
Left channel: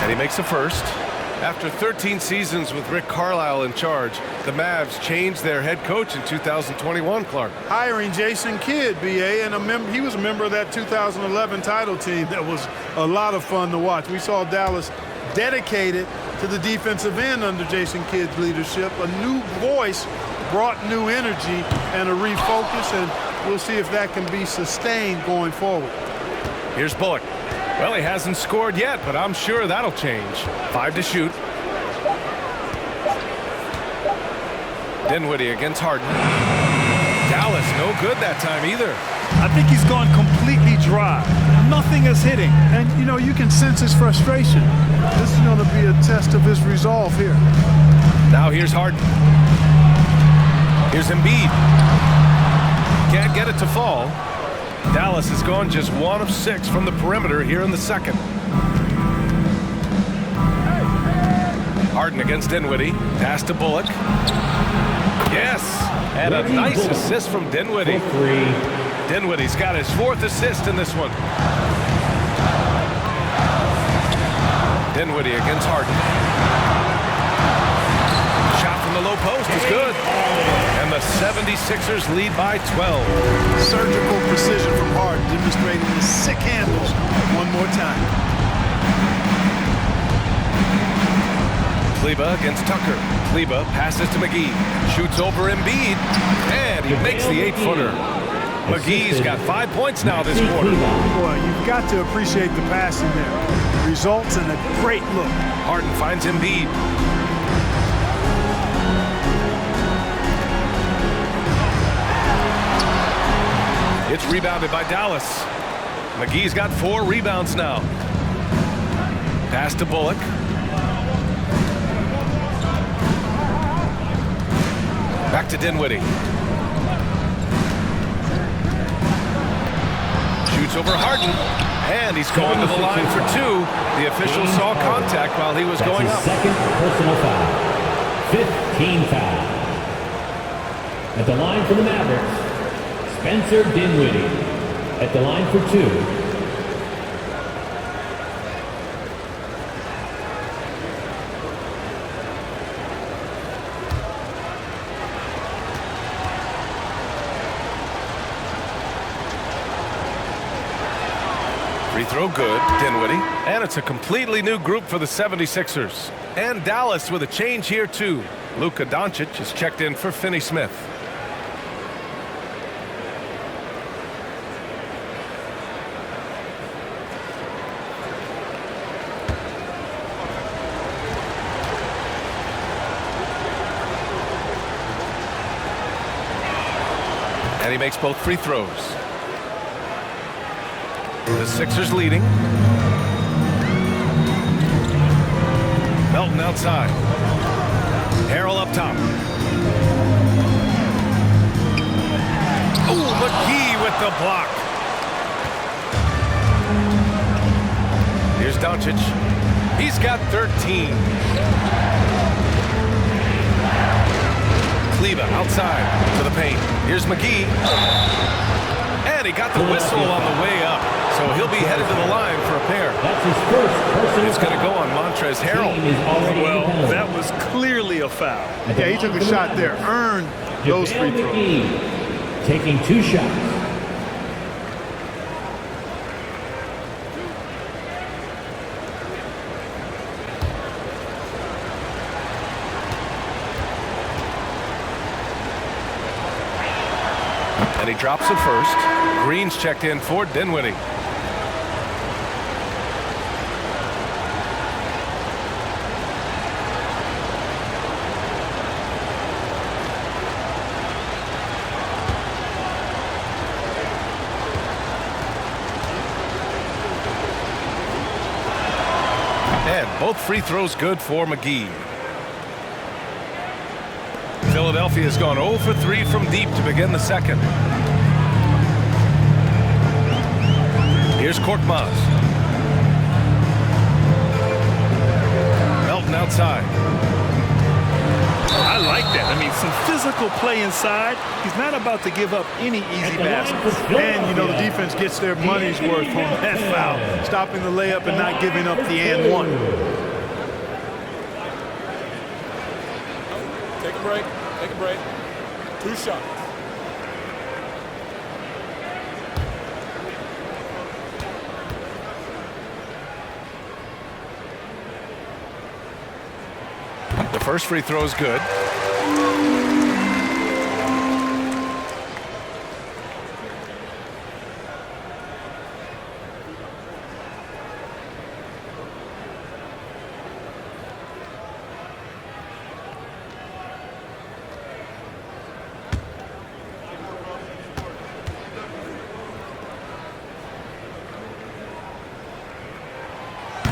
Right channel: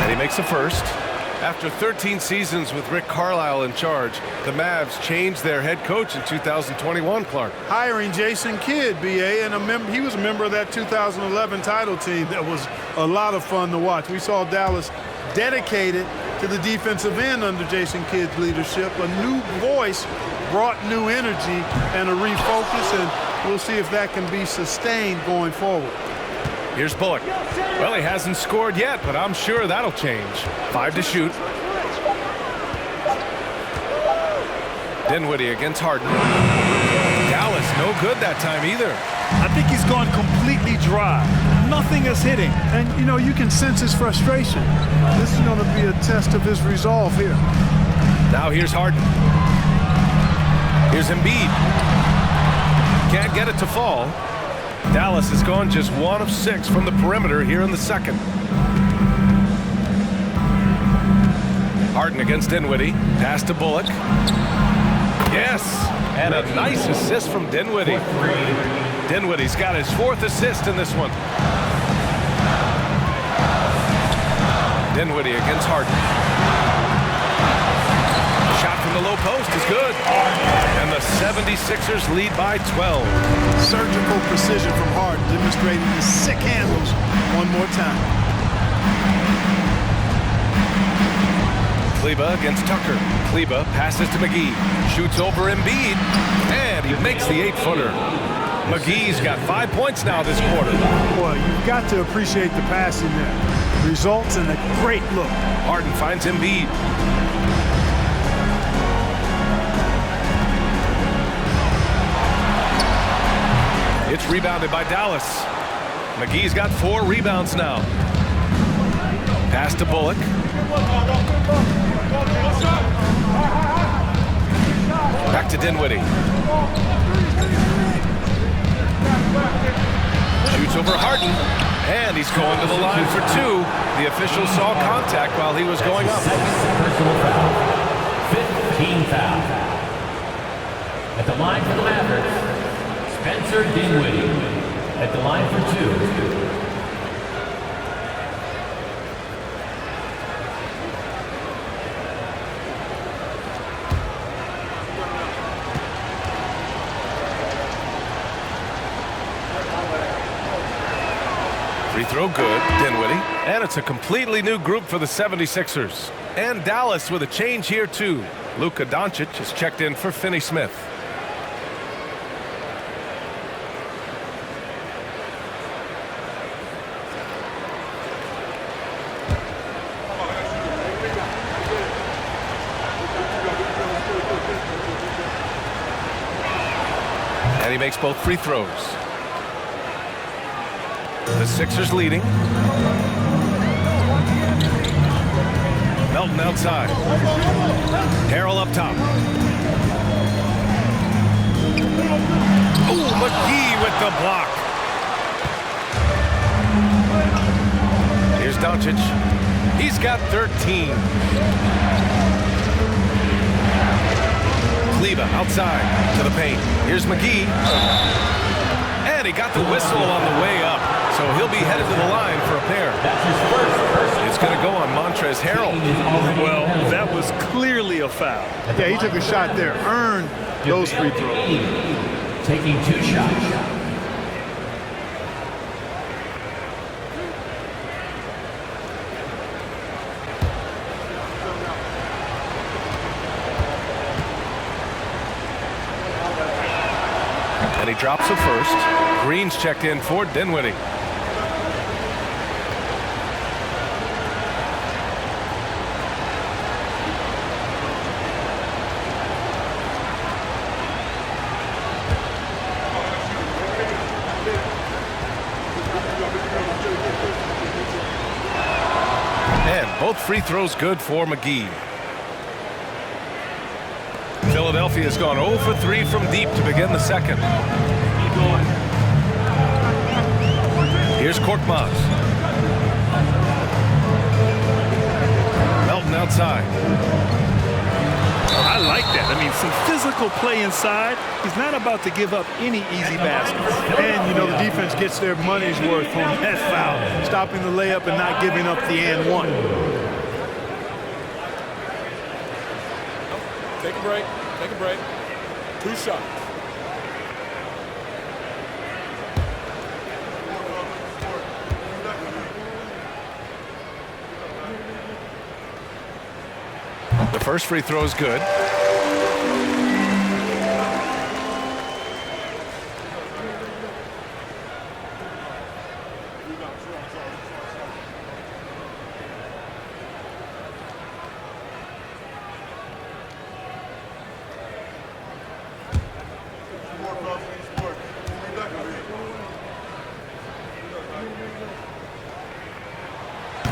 And he makes a first. After 13 seasons with Rick Carlisle in charge, the Mavs changed their head coach in 2021, Clark. Hiring Jason Kidd, B.A., and he was a member of that 2011 title team that was a lot of fun to watch. We saw Dallas dedicated to the defensive end under Jason Kidd's leadership. A new voice brought new energy and a refocus, and we'll see if that can be sustained going forward. Here's Bullock. Well, he hasn't scored yet, but I'm sure that'll change. 5 to shoot. Dinwiddie against Harden. Dallas, no good that time either. I think he's gone completely dry. Nothing is hitting. And, you know, you can sense his frustration. This is going to be a test of his resolve here. Now here's Harden. Here's Embiid. Can't get it to fall. Dallas has gone just 1 of 6 from the perimeter here in the second. Harden against Dinwiddie. Pass to Bullock. Yes, and a nice assist from Dinwiddie. Dinwiddie's got his 4th assist in this one. Dinwiddie against Harden. Shot from the low post is good. And the 76ers lead by 12. Surgical precision from Harden, demonstrating his sick handles one more time. Kleber against Tucker. Kleber passes to McGee. Shoots over Embiid. And he makes the 8-footer. McGee's got 5 points now this quarter. Boy, you've got to appreciate the passing there. Results in a great look. Harden finds Embiid. It's rebounded by Dallas. McGee's got 4 rebounds now. Pass to Bullock. Back to Dinwiddie. Shoots over Harden. And he's going to the line for 2. The official saw contact while he was going up. Second personal foul. 15 foul. At the line for the Mavericks, Spencer Dinwiddie. At the line for 2. Free throw good, Dinwiddie. And it's a completely new group for the 76ers. And Dallas with a change here too. Luka Doncic has checked in for Finney Smith. And he makes both free throws. The Sixers leading. Melton outside. Harrell up top. Oh, McGee with the block. Here's Doncic. He's got 13. Kleba outside to the paint. Here's McGee. And he got the whistle on the way up. So he'll be headed to the line for a pair. That's his first personal It's going to go on Montrezl Harrell. Well, that was clearly a foul. Yeah, he took a shot there, earned those free throws. Taking 2 shots. And he drops it first. Green's checked in for Dinwiddie. And both free throws good for McGee. Philadelphia has gone 0 for 3 from deep to begin the second. Here's Korkmaz. Melton outside. I like that. I mean, some physical play inside. He's not about to give up any easy baskets. And, you know, the defense gets their money's worth on that foul, stopping the layup and not giving up the and one. Take a break. Take a break. 2 shots. The first free throw is good.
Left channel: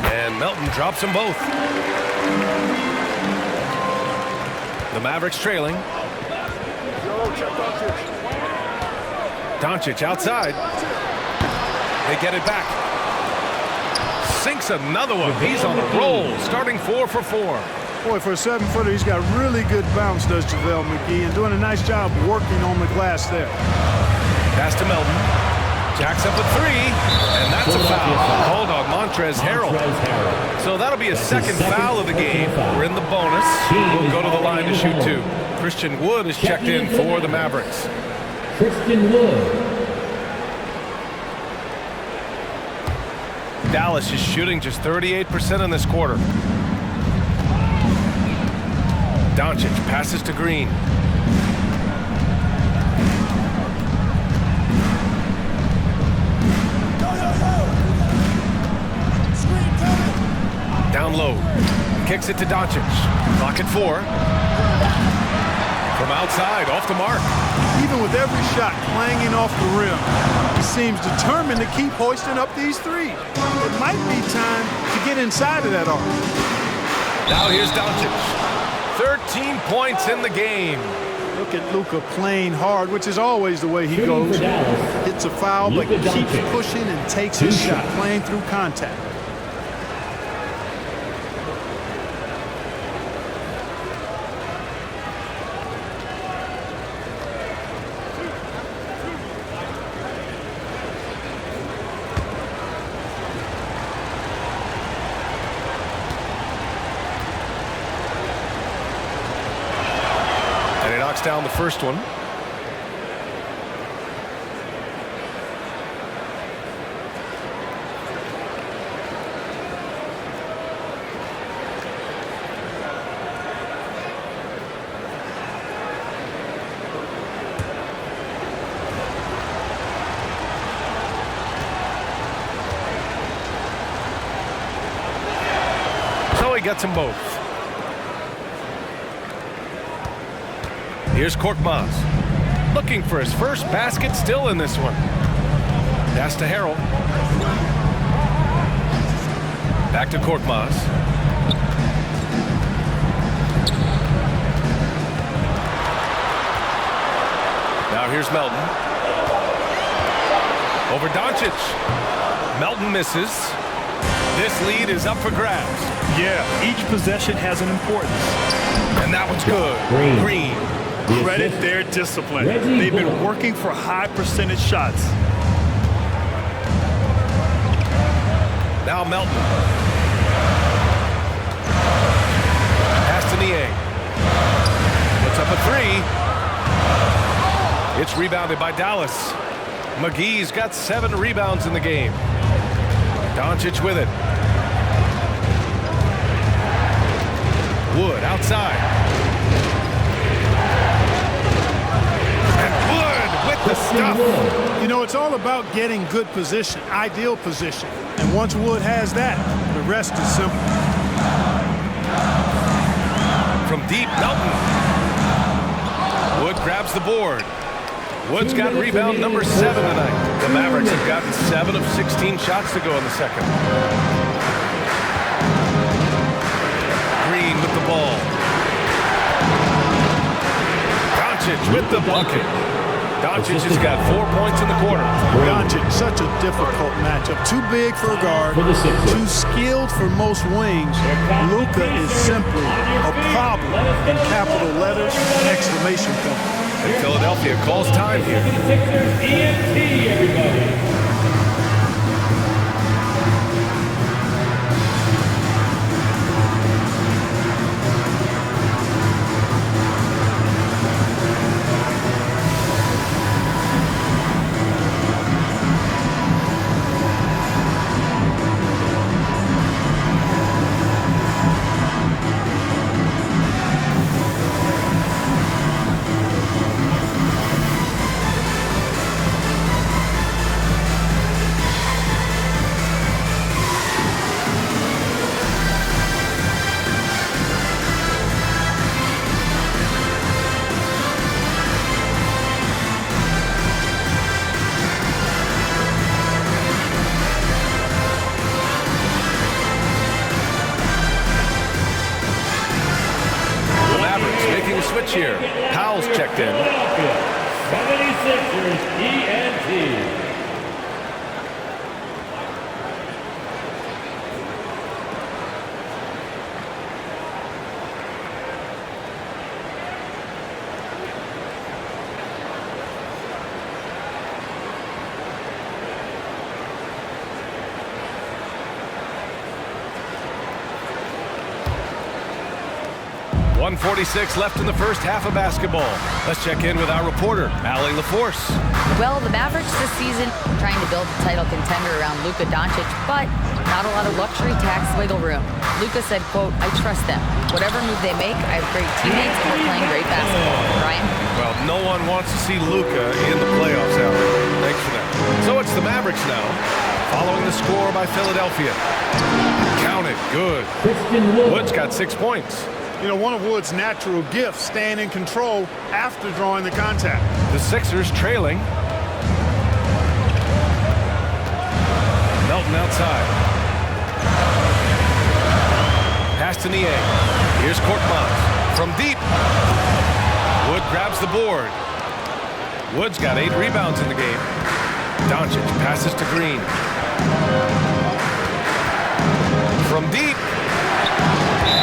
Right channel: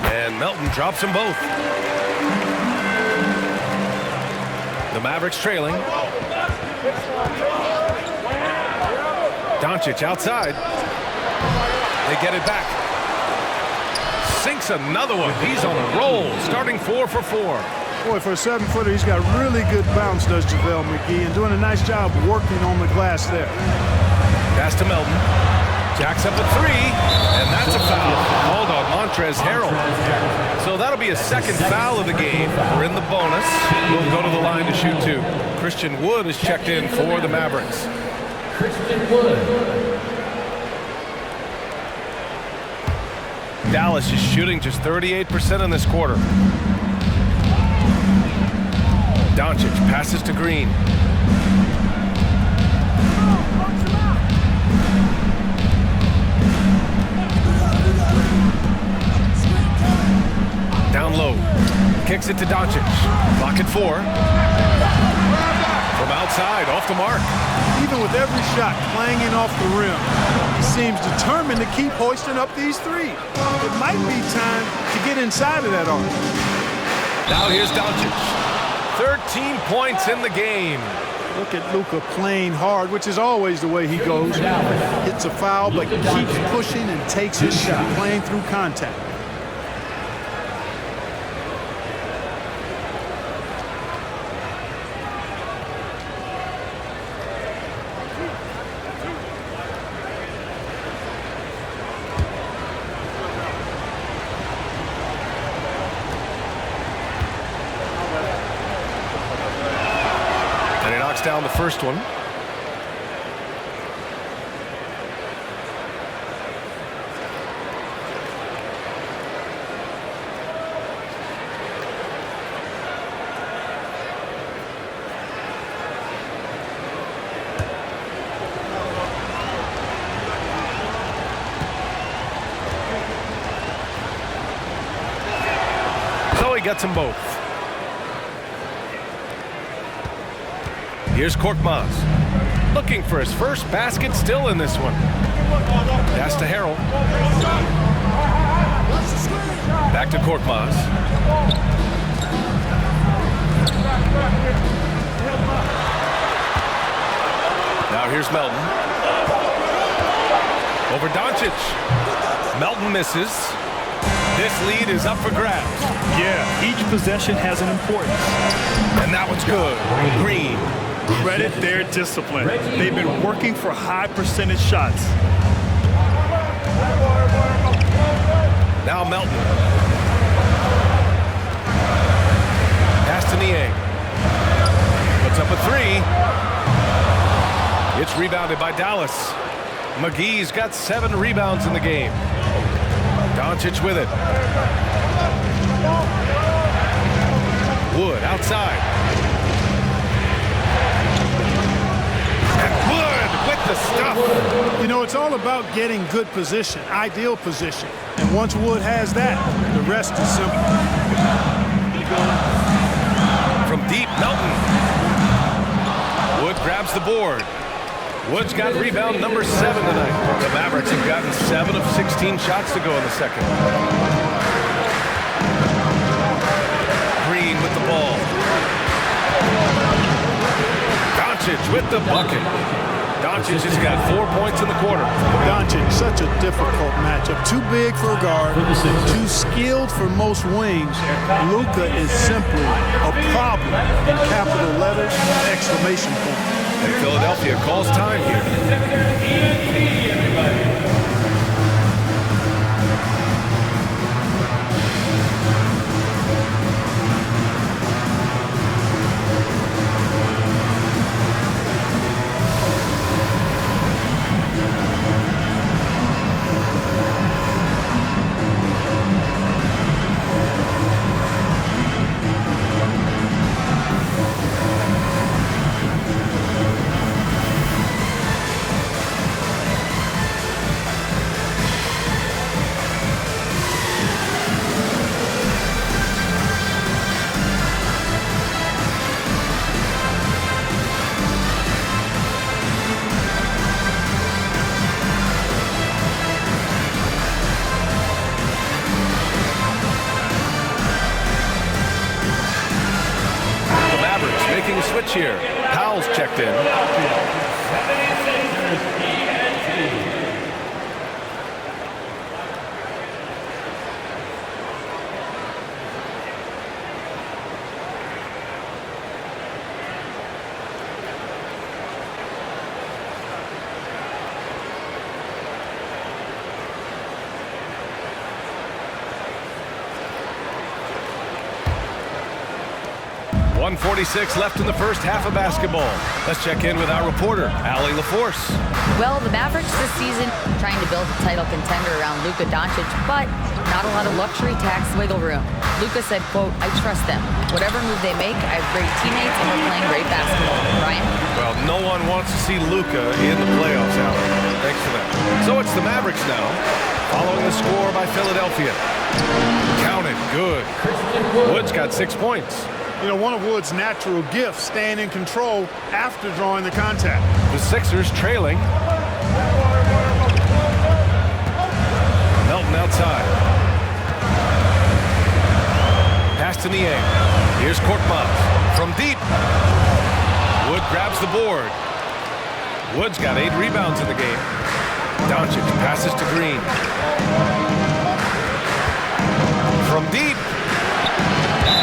And Melton drops them both. The Mavericks trailing. Doncic outside. They get it back. Sinks another one. He's on a roll, starting 4 for 4. Boy, for a 7-footer, he's got really good bounce, does JaVale McGee, and doing a nice job working on the glass there. Pass to Melton. Jacks up a 3, and that's a foul called on Montrezl Harrell. So that'll be a second foul of the game. We're in the bonus. We'll go to the line to shoot 2. Christian Wood is checked in for the Mavericks. Christian Wood. Dallas is shooting just 38% in this quarter. Doncic passes to Green. Down low. Kicks it to Doncic. Clock at 4. From outside, off the mark. Even with every shot clanging off the rim, he seems determined to keep hoisting up these threes. It might be time to get inside of that arc. Now here's Doncic. 13 points in the game. Look at Luka playing hard, which is always the way he goes. Hits a foul, but keeps pushing and takes his shot, playing through contact. And he knocks down the first one. So he gets them both. Here's Korkmaz. Looking for his first basket, still in this one. Pass to Harrell. Back to Korkmaz. Now here's Melton. Over Doncic. Melton misses. This lead is up for grabs. Yeah, each possession has an importance. And that one's good. Green. Credit their discipline. They've been working for high percentage shots. Now Melton. Pass to Niang. Puts up a three. It's rebounded by Dallas. McGee's got 7 rebounds in the game. Doncic with it. Wood outside. And Wood with the stuff. You know, it's all about getting good position, ideal position. And once Wood has that, the rest is simple. From deep, Melton. Wood grabs the board. Wood's got rebound number 7 tonight. The Mavericks have gotten 7 of 16 shots to go in the second. Green with the ball. Doncic with the bucket. Doncic has got 4 points in the quarter. Doncic, such a difficult matchup. Too big for a guard, too skilled for most wings. Luka is simply a problem in capital letters, exclamation point. And Philadelphia calls time here. ENT, everybody. Mavericks making a switch here. Powell's checked in. 76ers ENT. .146 left in the first half of basketball. Let's check in with our reporter, Allie LaForce. Well, the Mavericks this season trying to build a title contender around Luka Doncic, but not a lot of luxury tax wiggle room. Luka said, quote, "I trust them. Whatever move they make, I have great teammates and we're playing great basketball." Ryan? Well, no one wants to see Luka in the playoffs, Allie. Thanks for that. So it's the Mavericks now, following the score by Philadelphia. Count it, good. Wood's got 6 points. You know, one of Wood's natural gifts, staying in control after drawing the contact. The Sixers trailing. Melton outside. Pass to Niang. Here's Korkmaz from deep. Wood grabs the board. Wood's got 8 rebounds in the game. Doncic passes to Green. From deep.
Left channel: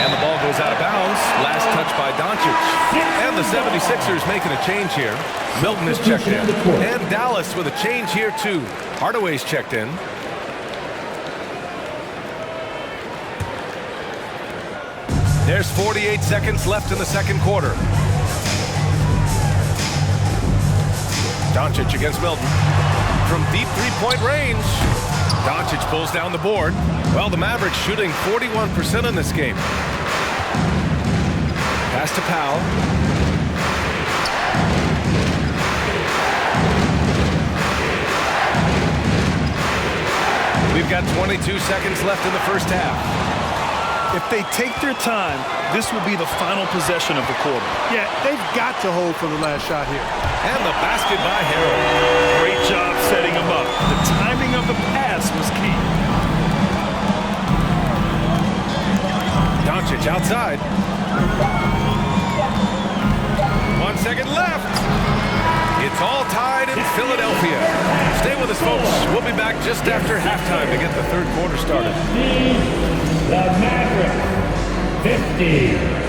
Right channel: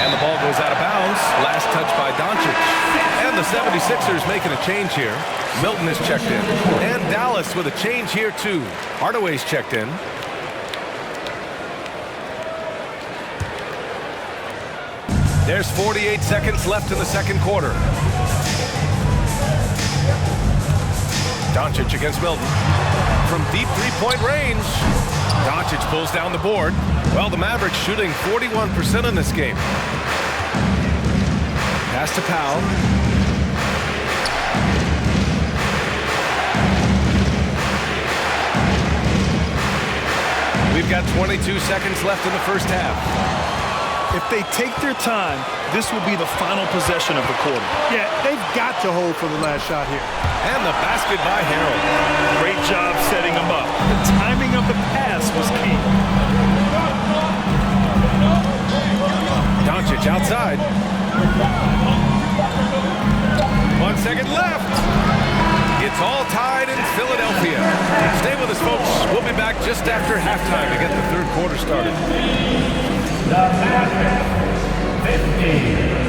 And the ball goes out of bounds. Last touch by Doncic. And the 76ers making a change here. Milton is checked in. And Dallas with a change here too. Hardaway's checked in. There's 48 seconds left in the second quarter. Doncic against Milton. From deep three-point range. Doncic pulls down the board. Well, the Mavericks shooting 41% in this game. Pass to Powell. We've got 22 seconds left in the first half. If they take their time, this will be the final possession of the quarter. Yeah, they've got to hold for the last shot here. And the basket by Harrell. Great job setting him up. The timing of the pass was key. Doncic outside. 1 second left. It's all tied in Philadelphia. Stay with us, folks. We'll be back just after halftime to get the third quarter started. The Mavericks, 50.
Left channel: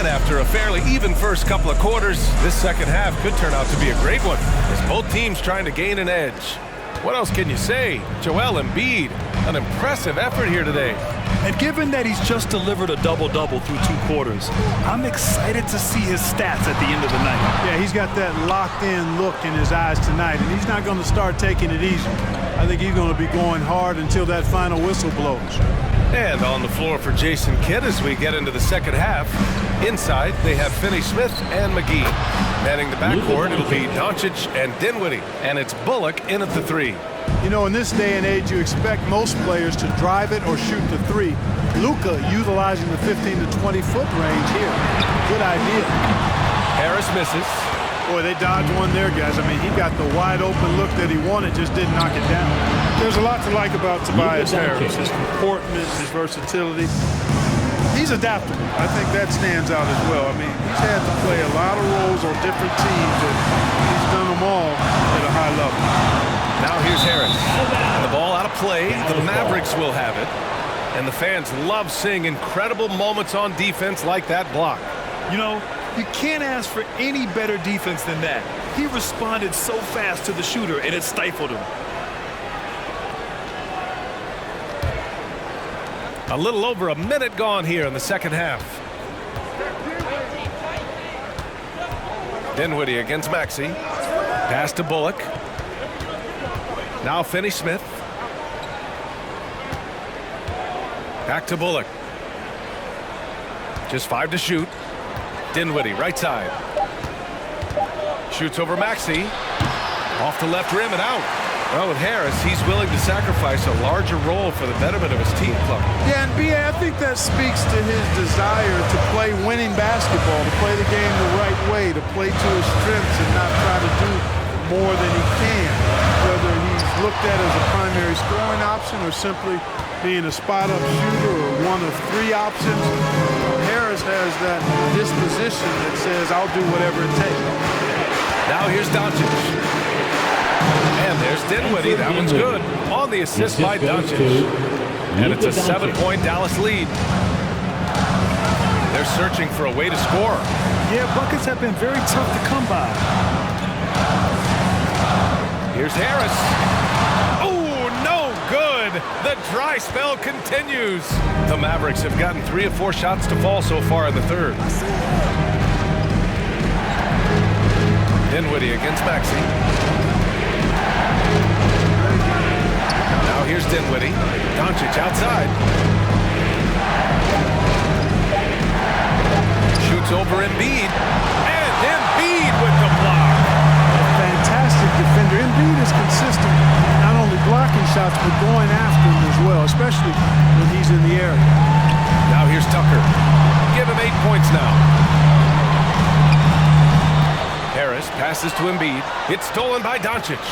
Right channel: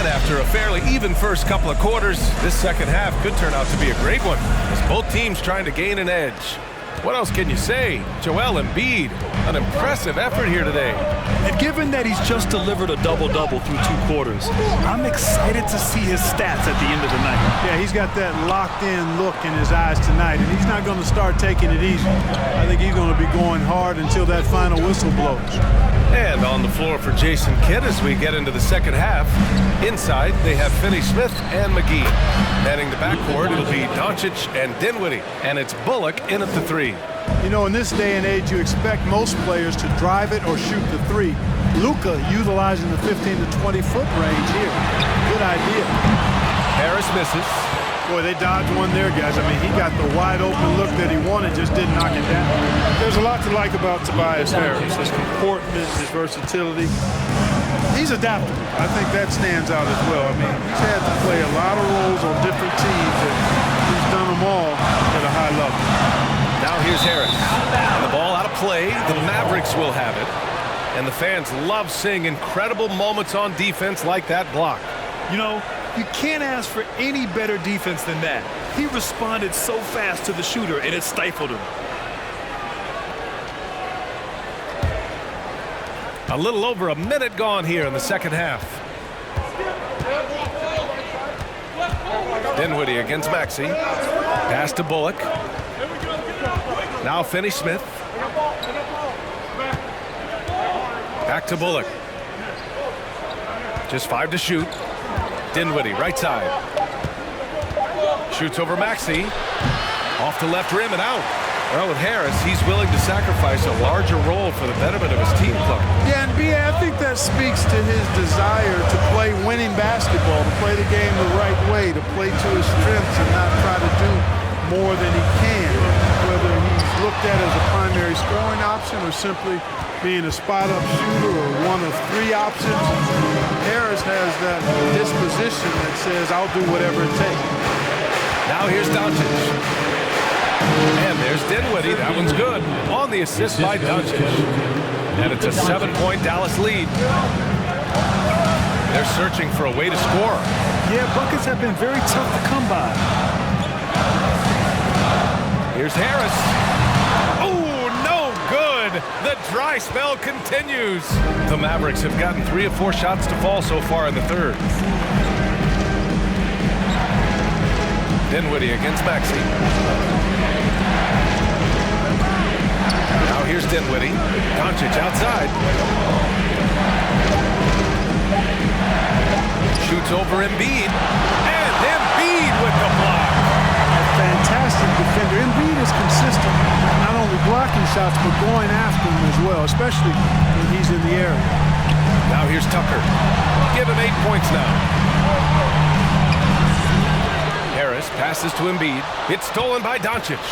After a fairly even first couple of quarters, this second half could turn out to be a great one, as both teams trying to gain an edge. What else can you say? Joel Embiid, an impressive effort here today. And given that he's just delivered a double-double through 2 quarters, I'm excited to see his stats at the end of the night. Yeah, he's got that locked-in look in his eyes tonight, and he's not going to start taking it easy. I think he's going to be going hard until that final whistle blows. And on the floor for Jason Kidd as we get into the second half. Inside, they have Finney-Smith and McGee. Manning the backcourt, it'll be Doncic and Dinwiddie. And it's Bullock in at the 3. You know, in this day and age, you expect most players to drive it or shoot the 3. Luka utilizing the 15 to 20-foot range here. Good idea. Harris misses. Boy, they dodged one there, guys. I mean, he got the wide-open look that he wanted, just didn't knock it down. There's a lot to like about Tobias Harris. His comportment, his versatility. He's adaptable. I think that stands out as well. I mean, he's had to play a lot of roles on different teams, and he's done them all at a high level. Now here's Harris. And the ball out of play. The Mavericks will have it. And the fans love seeing incredible moments on defense like that block. You know, you can't ask for any better defense than that. He responded so fast to the shooter, and it stifled him. A little over a minute gone here in the second half. Dinwiddie against Maxey. Pass to Bullock. Now Finney-Smith. Back to Bullock. Just 5 to shoot. Dinwiddie, right side. Shoots over Maxey. Off the left rim and out. Well, with Harris, he's willing to sacrifice a larger role for the betterment of his team, Clark. Yeah, and B.A., I think that speaks to his desire to play winning basketball, to play the game the right way, to play to his strengths and not try to do more than he can, whether he's looked at as a primary scoring option or simply being a spot-up shooter or one of 3 options. Harris has that disposition that says, I'll do whatever it takes. Now here's Doncic. And there's Dinwiddie. That one's good. On the assist by Doncic. And it's a 7-point Dallas lead. They're searching for a way to score. Yeah, buckets have been very tough to come by. Here's Harris. Oh, no good. The dry spell continues. The Mavericks have gotten 3 of 4 shots to fall so far in the third. Dinwiddie against Maxey. Now here's Dinwiddie. Doncic outside. Shoots over Embiid. And Embiid with the block. A fantastic defender. Embiid is consistent, not only blocking shots, but going after them as well, especially when he's in the area. Now here's Tucker. Give him 8 points now. Harris passes to Embiid. It's stolen by Doncic.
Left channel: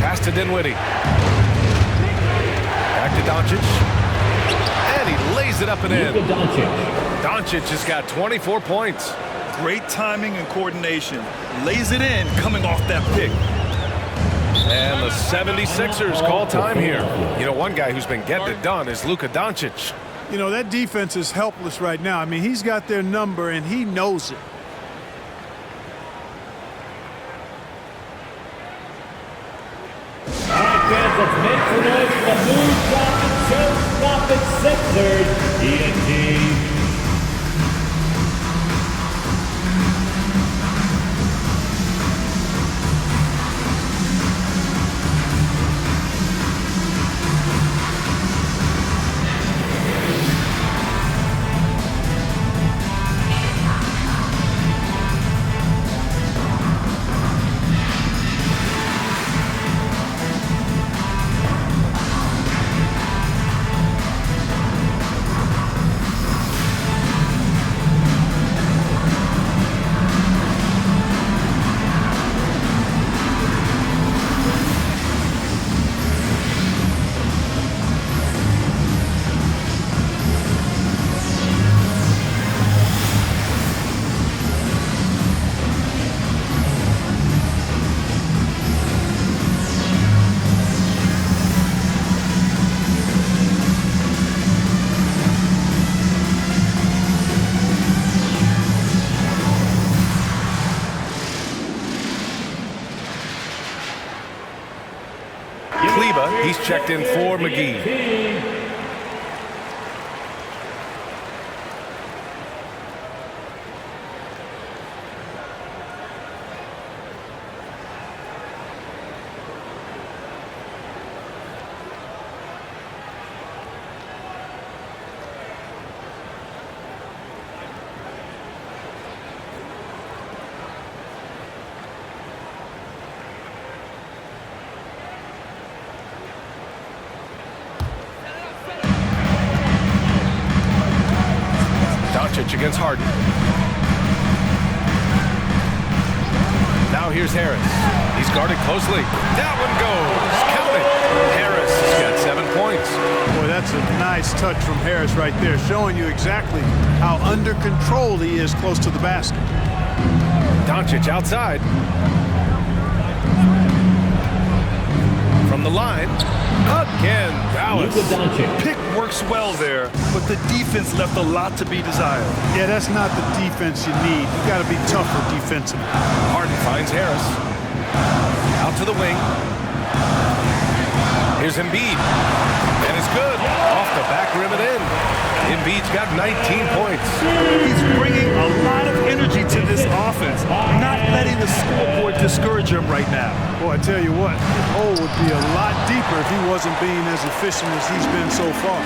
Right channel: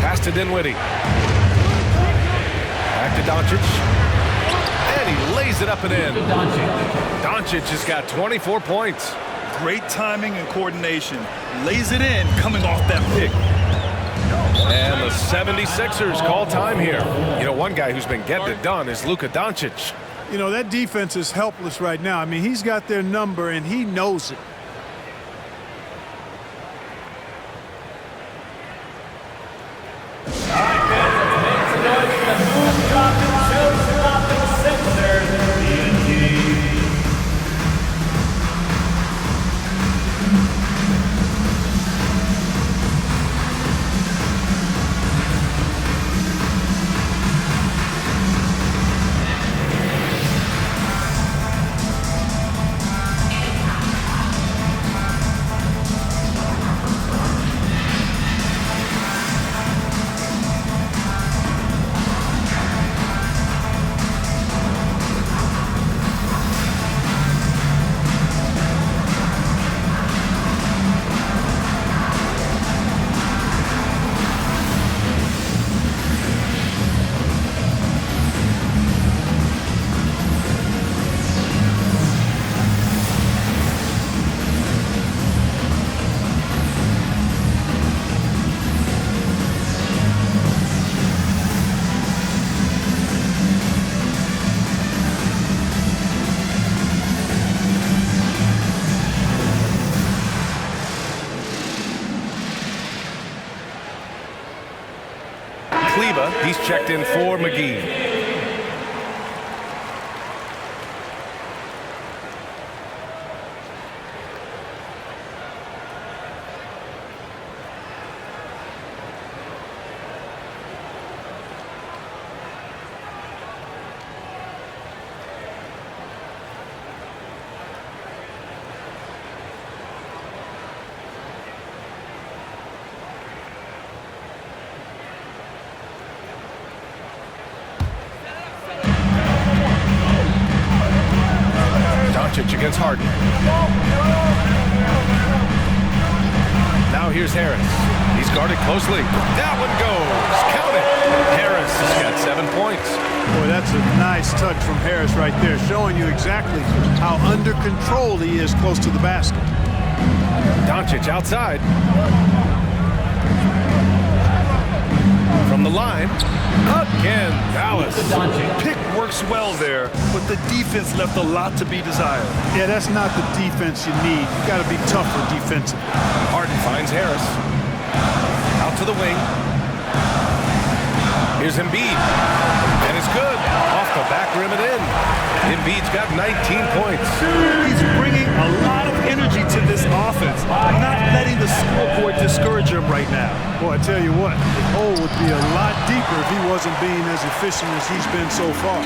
Pass to Dinwiddie. Back to Doncic. And he lays it up and in. Doncic has got 24 points. Great timing and coordination. Lays it in coming off that pick. And the 76ers call time here. You know, one guy who's been getting it done is Luka Doncic. You know, that defense is helpless right now. I mean, he's got their number, and he knows it. All right, fans, let's make some noise for the move-dropping, show-stopping Sixers. ET. Kleba. He's checked in for McGee. Doncic against Harden. Now here's Harris. He's guarded closely. That one goes. Count it. Harris has got 7 points. Boy, that's a nice touch from Harris right there, showing you exactly how under control he is close to the basket. Doncic outside. From the line. Again, Dallas. Pick works well there, but the defense left a lot to be desired. Yeah, that's not the defense you need. You got to be tougher defensively. Harden finds Harris. Out to the wing. Here's Embiid. And it's good. Off the back rim and in. Embiid's got 19 points. He's bringing a lot of energy to this offense, not letting the scoreboard discourage him right now. Boy, I tell you what, the hole would be a lot deeper if he wasn't being as efficient as he's been so far.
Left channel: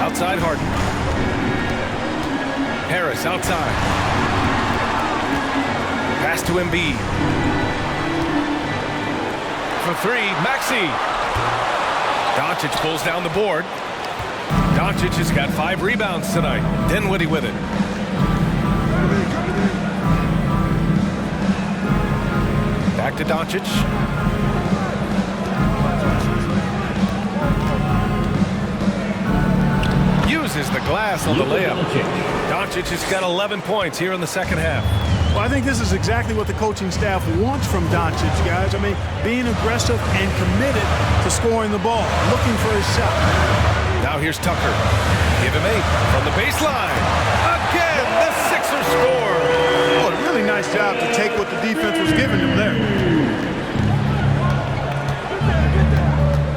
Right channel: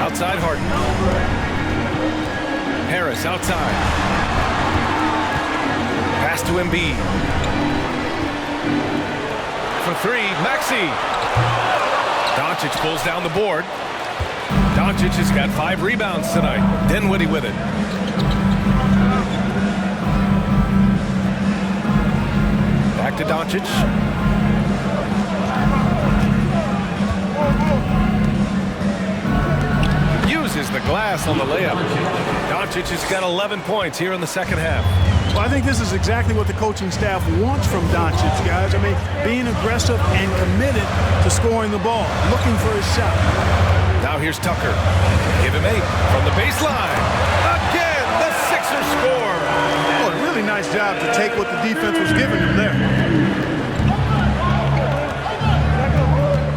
Outside Harden. Harris outside. Pass to Embiid. For three, Maxey. Doncic pulls down the board. Doncic has got 5 rebounds tonight. Dinwiddie with it. Back to Doncic. Uses the glass on the layup. Doncic has got 11 points here in the second half. Well, I think this is exactly what the coaching staff wants from Doncic, guys. I mean, being aggressive and committed to scoring the ball, looking for his shot. Now here's Tucker. Give him 8 from the baseline. Again, the Sixers score. Oh, a really nice job to take what the defense was giving him there.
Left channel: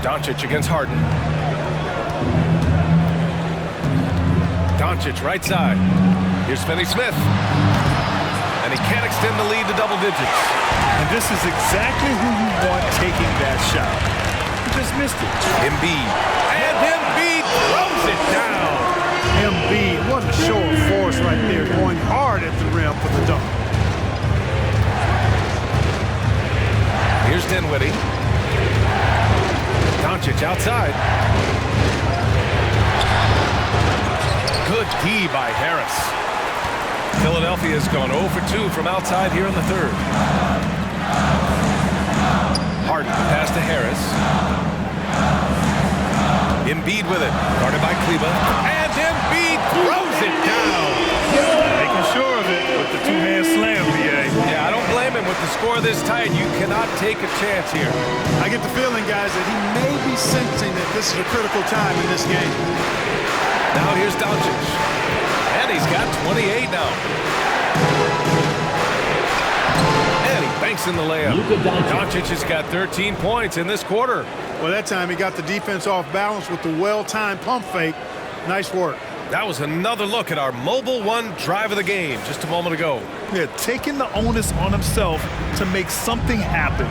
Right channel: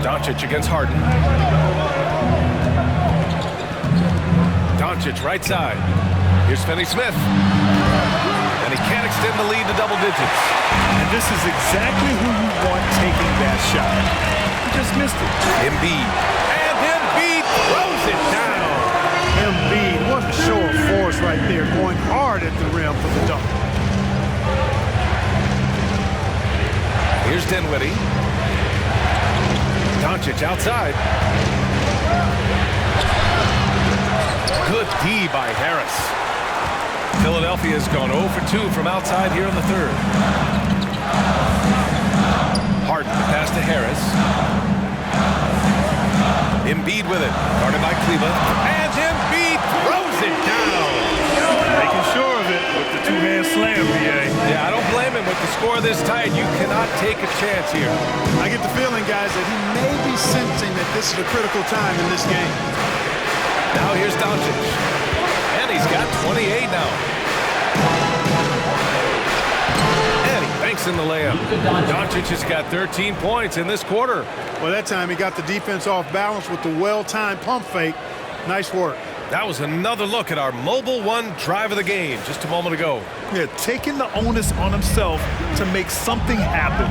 Doncic against Harden. Doncic right side. Here's Finney Smith. And he can't extend the lead to double digits. And this is exactly who you want taking that shot. He just missed it. Embiid. And Embiid throws it down. Embiid, what a show of force right there, going hard at the rim for the dunk. Here's Dinwiddie. Doncic outside. Good D by Harris. Philadelphia has gone 0 for 2 from outside here in the third. Harden, the pass to Harris. Embiid with it, guarded by Kleba. And Embiid throws it down. Making sure of it with the two-hand slam, BA. Yeah, I don't blame him with the score this tight. You cannot take a chance here. I get the feeling, guys, that he may be sensing that this is a critical time in this game. Now here's Doncic. And he's got 28 now. And he banks in the layup. Doncic has got 13 points in this quarter. Well, that time he got the defense off balance with the well-timed pump fake. Nice work. That was another look at our Mobile One drive of the game just a moment ago. Yeah, taking the onus on himself to make something happen.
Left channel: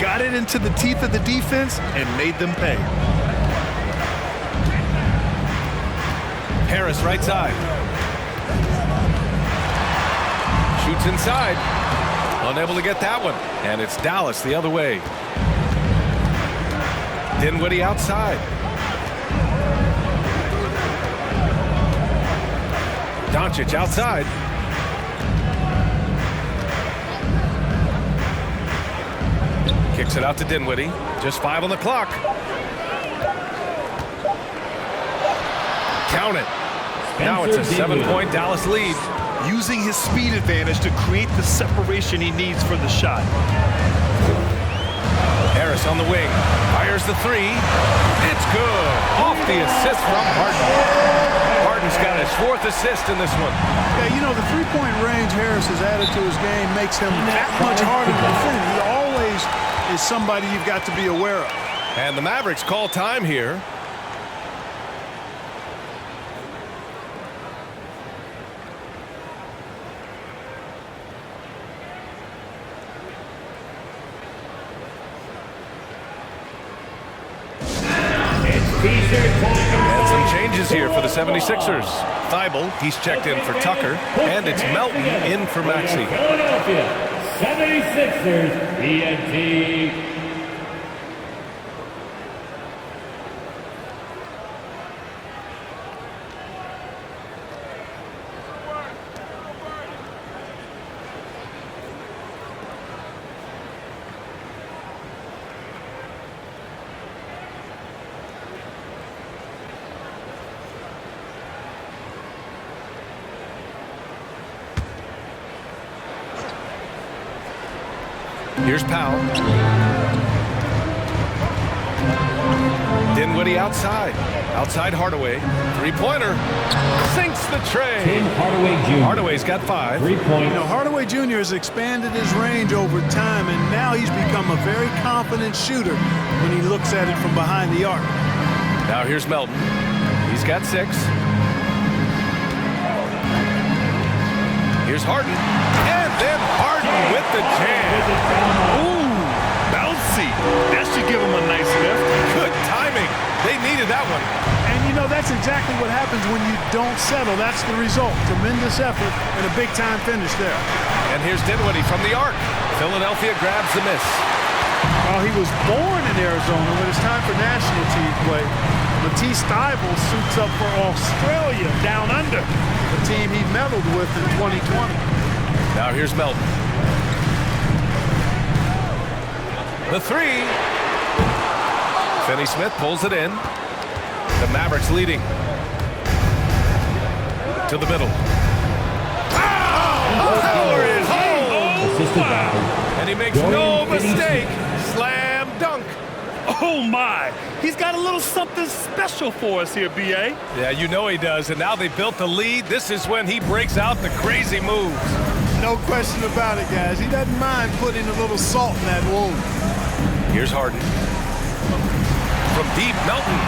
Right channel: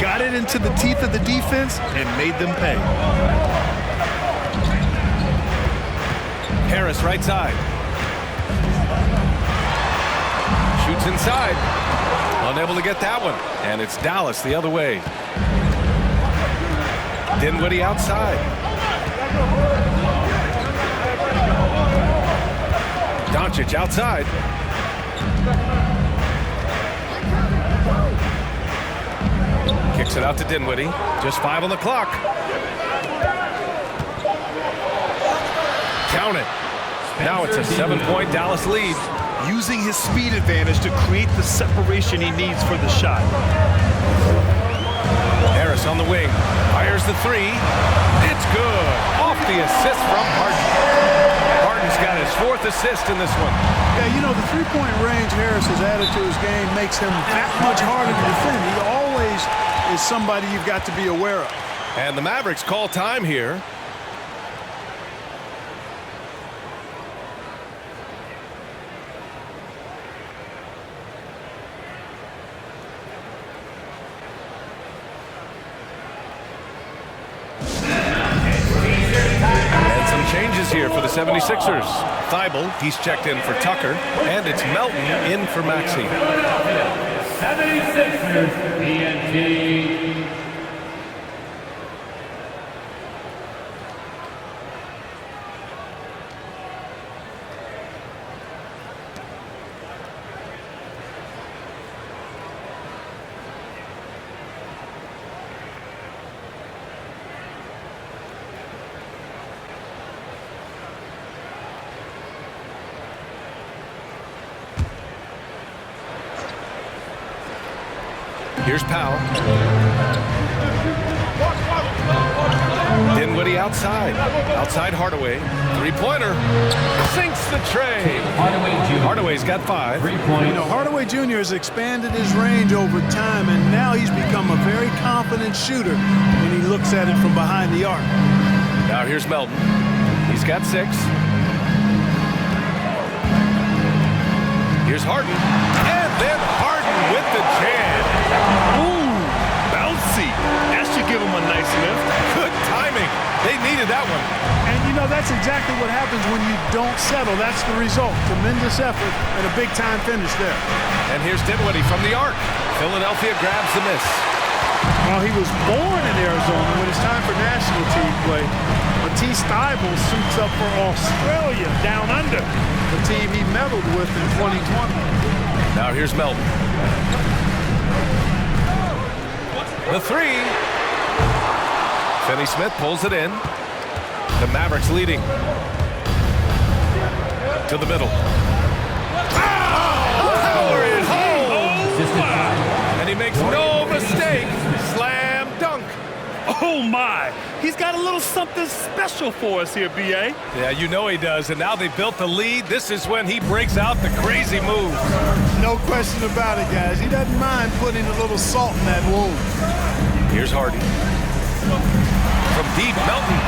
Got it into the teeth of the defense and made them pay. Harris right side. Shoots inside. Unable to get that one. And it's Dallas the other way. Dinwiddie outside. Doncic outside. Kicks it out to Dinwiddie. Just 5 on the clock. Count it. Now it's a 7-point Dallas lead. Using his speed advantage to create the separation he needs for the shot. Harris on the wing. Fires the 3. It's good. Off the assist from Harden. Harden He's got his 4th assist in this one. Yeah, you know, the three-point range Harris has added to his game makes him that much harder to defend. He always is somebody you've got to be aware of. And the Mavericks call time here. And some changes here for the 76ers. Thibault, he's checked in for Tucker, and it's Melton in for Maxey. Philadelphia 76ers TNT. Here's Powell. Dinwiddie outside. Outside Hardaway. Three-pointer. Sinks the tray. Hardaway Jr. Hardaway's got 5. 3 points. You know, Hardaway Jr. has expanded his range over time, and now he's become a very confident shooter when he looks at it from behind the arc. Now here's Melton. He's got 6. Here's Harden. And then Harden with the jam. Ooh, bouncy. That should give him a nice lift. Good timing. They needed that one. And, you know, that's exactly what happens when you don't settle. That's the result. Tremendous effort and a big-time finish there. And here's Dinwiddie from the arc. Philadelphia grabs the miss. Well, he was born in Arizona. When it's time for national team play, Matisse Thybulle suits up for Australia down under, the team he medaled with in 2020. Now here's Melton. The 3. Finney-Smith pulls it in. The Mavericks leading. To the middle. Power it home! Oh, wow. And he makes no mistake. Slam dunk. Oh, my. He's got a little something special for us here, B.A. Yeah, you know he does. And now they built the lead. This is when he breaks out the crazy moves. No question about it, guys. He doesn't mind putting a little salt in that wound. Here's Harden. From deep, Melton.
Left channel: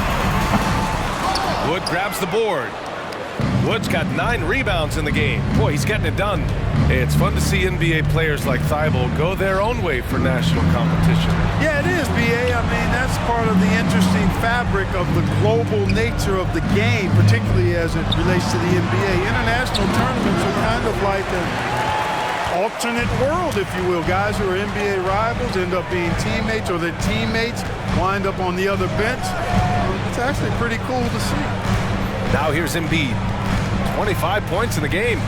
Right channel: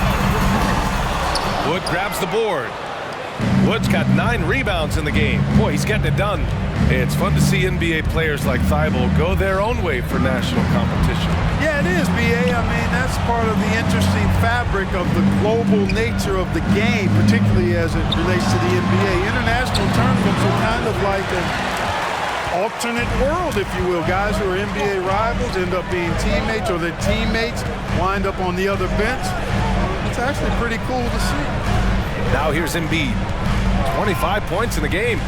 Wood grabs the board. Wood's got 9 rebounds in the game. Boy, he's getting it done. It's fun to see NBA players like Thibault go their own way for national competition. Yeah, it is, B.A. I mean, that's part of the interesting fabric of the global nature of the game, particularly as it relates to the NBA. International tournaments are kind of like an alternate world, if you will. Guys who are NBA rivals end up being teammates, or their teammates wind up on the other bench. It's actually pretty cool to see. Now here's Embiid. 25 points in the game.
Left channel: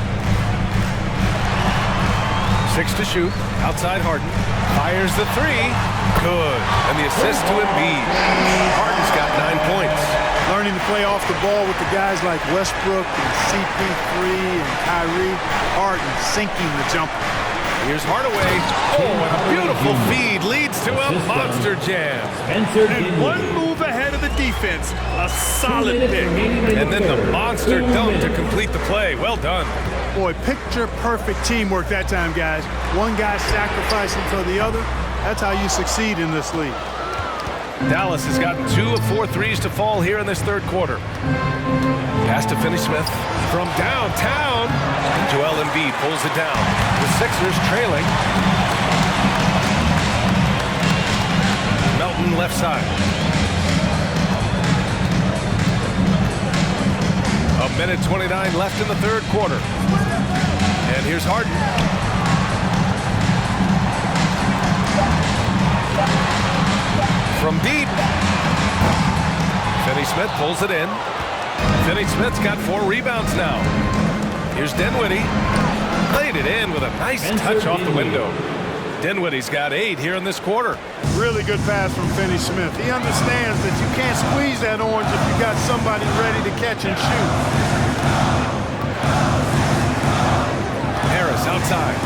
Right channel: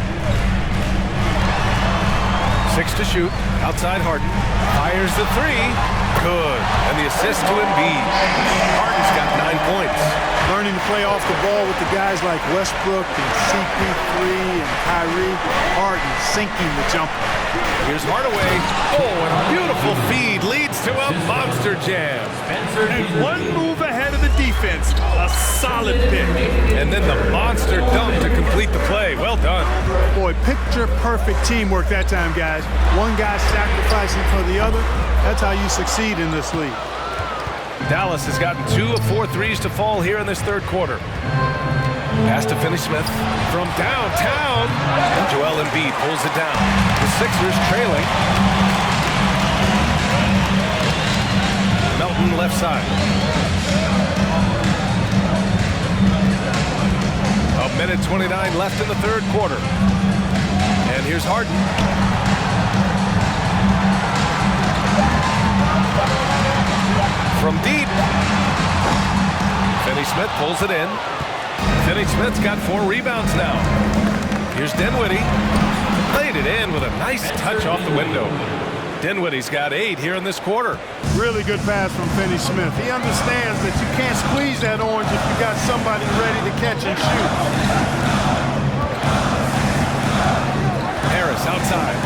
6 to shoot. Outside Harden. Fires the 3. Good. And the assist to Embiid. Harden's got 9 points. Learning to play off the ball with the guys like Westbrook and CP3 and Kyrie. Harden sinking the jumper. Here's Hardaway. Oh, and a beautiful feed leads to a monster jam. And one move ahead of the defense. A solid pick. And then the monster dunk to complete the play. Well done. Boy, picture-perfect teamwork that time, guys. One guy sacrificing for the other. That's how you succeed in this league. Dallas has gotten 2 of 4 threes to fall here in this third quarter. Pass to Finney-Smith from downtown. And Joel Embiid pulls it down. The Sixers trailing. Melton left side. A minute 29 left in the third quarter. And here's Harden. From deep. Finney-Smith pulls it in. Finney-Smith's got 4 rebounds now. Here's Dinwiddie. Played it in with a nice touch off the window. Dinwiddie's got 8 here in this quarter. Really good pass from Finney-Smith. He understands that you can't squeeze that orange if you got somebody ready to catch and shoot. Harris outside.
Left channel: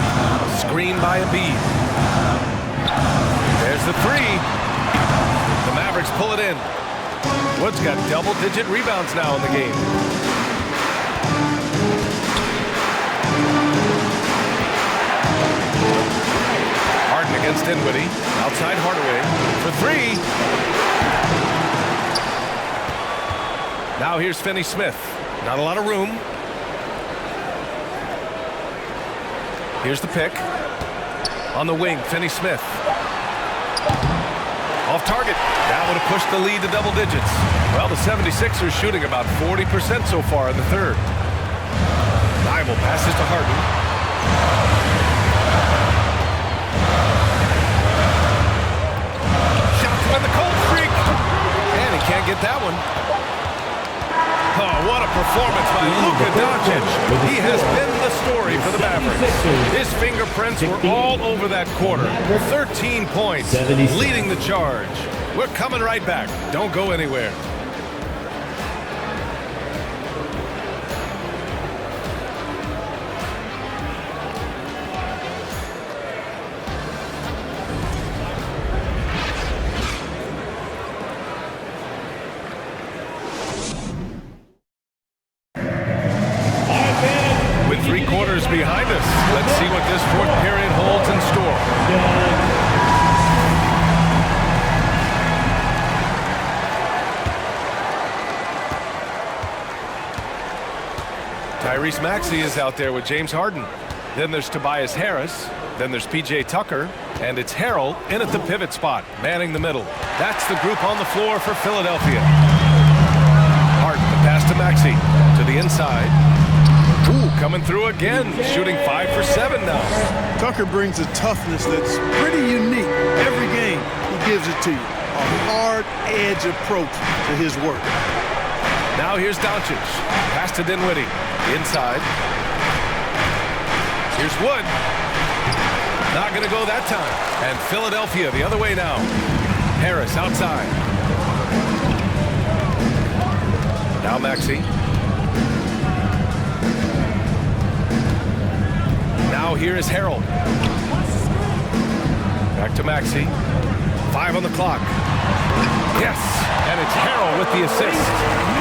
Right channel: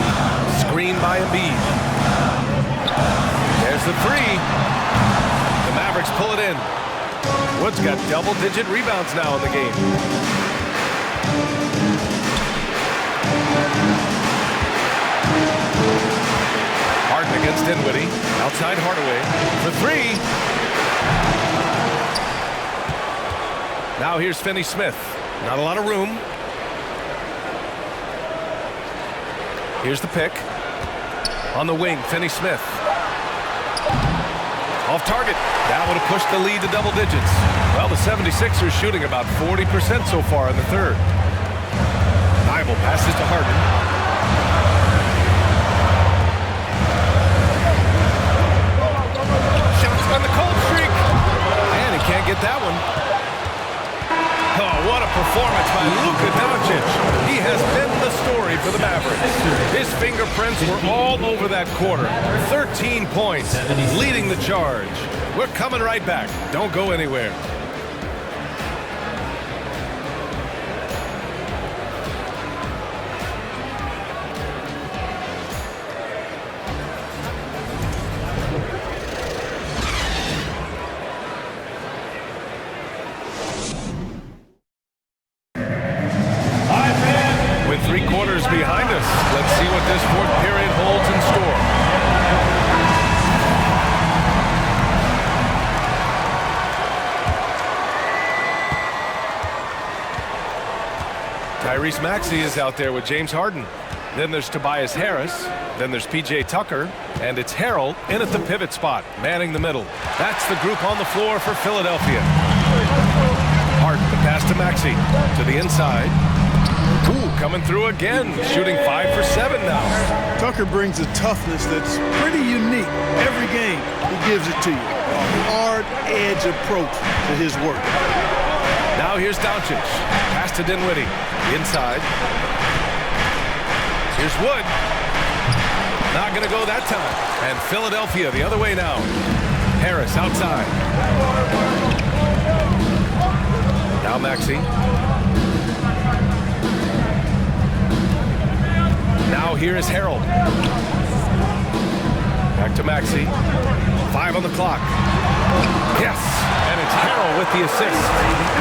Screen by Embiid. There's the 3. The Mavericks pull it in. Wood's got double-digit rebounds now in the game. against Dinwiddie. Outside Hardaway for three. Now here's Finney-Smith. Not a lot of room. Here's the pick. On the wing, Finney-Smith. Off target. That would have pushed the lead to double digits. Well, the 76ers shooting about 40% so far in the third. Bible passes to Harden. Shots on the cold streak. And he can't get that one. Oh, what a performance by Luka Doncic. He has been the story for the Mavericks. His fingerprints were all over that quarter. 13 points, leading the charge. We're coming right back. Don't go anywhere. With 3 quarters behind us, let's see what this fourth period holds in store. Tyrese Maxey is out there with James Harden. Then there's Tobias Harris. Then there's P.J. Tucker. And it's Harrell in at the pivot spot, manning the middle. That's the group on the floor for Philadelphia. Harden, the pass to Maxey. To the inside. Ooh, coming through again, shooting 5 for 7 now. Tucker brings a toughness that's pretty unique. Every game, he gives it to you. A hard edge approach to his work. Now here's Doncic. Pass to Dinwiddie. Inside. Here's Wood. Not going to go that time. And Philadelphia the other way now. Harris outside. Now Maxey. Now here is Harrell. Back to Maxey. 5 on the clock. Yes, and it's Harrell with the assist.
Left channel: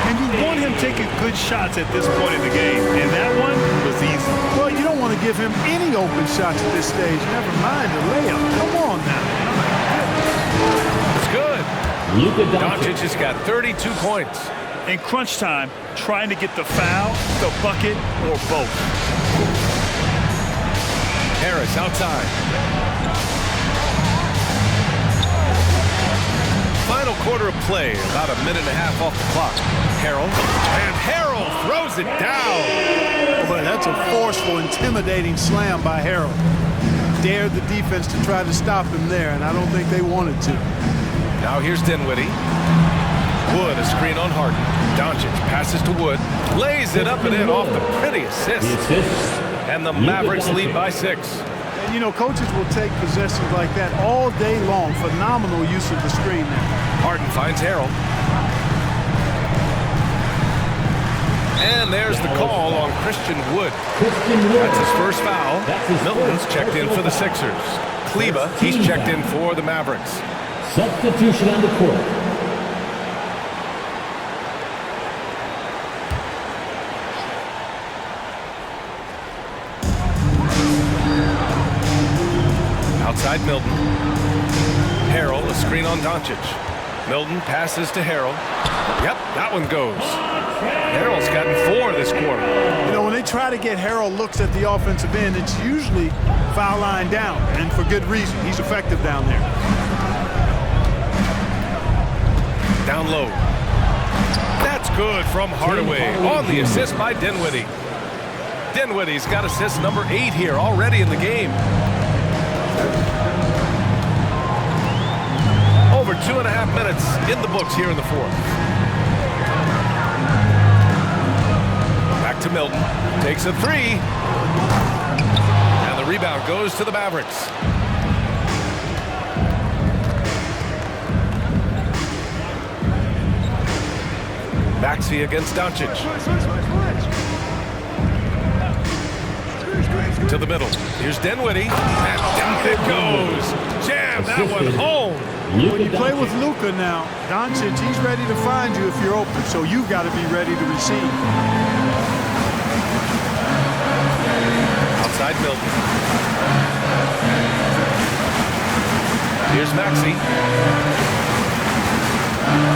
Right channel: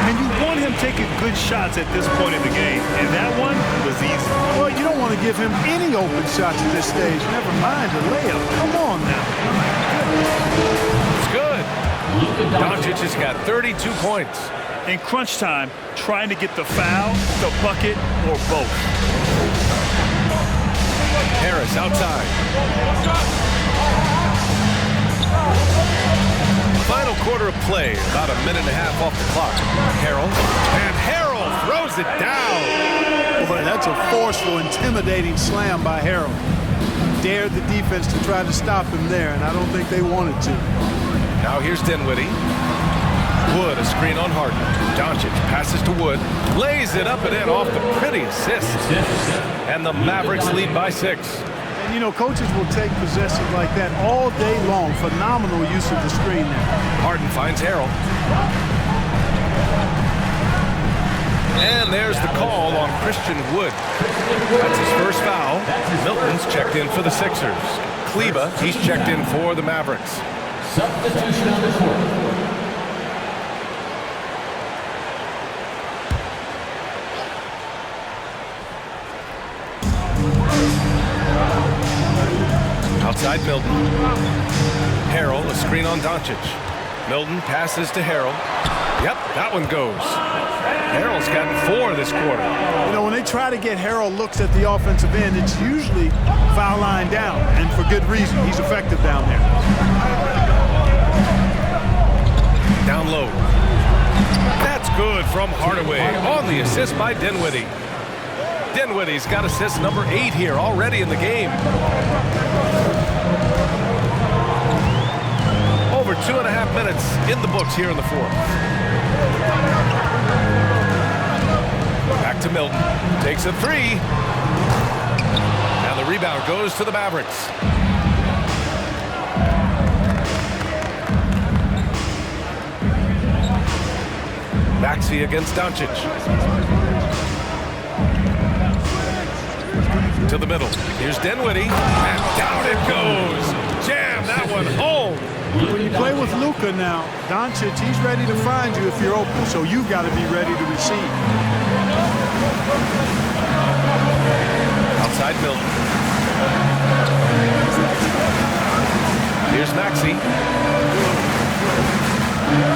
And you want him taking good shots at this point in the game, and that one was easy. Well, you don't want to give him any open shots at this stage. Never mind a layup. Come on now. My goodness. It's good. Doncic has got 32 points. In crunch time, trying to get the foul, the bucket, or both. Harris outside. Final quarter of play, about a minute and a half off the clock. Harrell, and Harrell throws it down. Boy, that's a forceful, intimidating slam by Harrell. Dared the defense to try to stop him there, and I don't think they wanted to. Now here's Dinwiddie. Wood, a screen on Harden. Doncic passes to Wood, lays it up and in off the pretty assist. And the Mavericks lead by 6. And, you know, coaches will take possessions like that all day long. Phenomenal use of the screen there. Harden finds Harrell. And there's the call on Christian Wood. That's his first foul. Milton's checked in for the Sixers. Kleba, he's checked in for the Mavericks. Substitution on the court. Outside Milton. Harrell, a screen on Doncic. Milton passes to Harrell. Yep, that one goes. Harrell's gotten 4 this quarter. You know, when they try to get Harrell looks at the offensive end, it's usually foul line down, and for good reason. He's effective down there. Down low. That's good from Hardaway on the assist by Dinwiddie. Dinwiddie's got assist number 8 here already in the game. Over 2.5 minutes in the books here in the fourth. Back to Milton. Takes a 3. And the rebound goes to the Mavericks. Maxey against Doncic. To the middle. Here's Dinwiddie. And down it goes. Jam that one home. When you play with Luka now, Doncic, he's ready to find you if you're open, so you've got to be ready to receive. Outside Milton. Here's Maxey.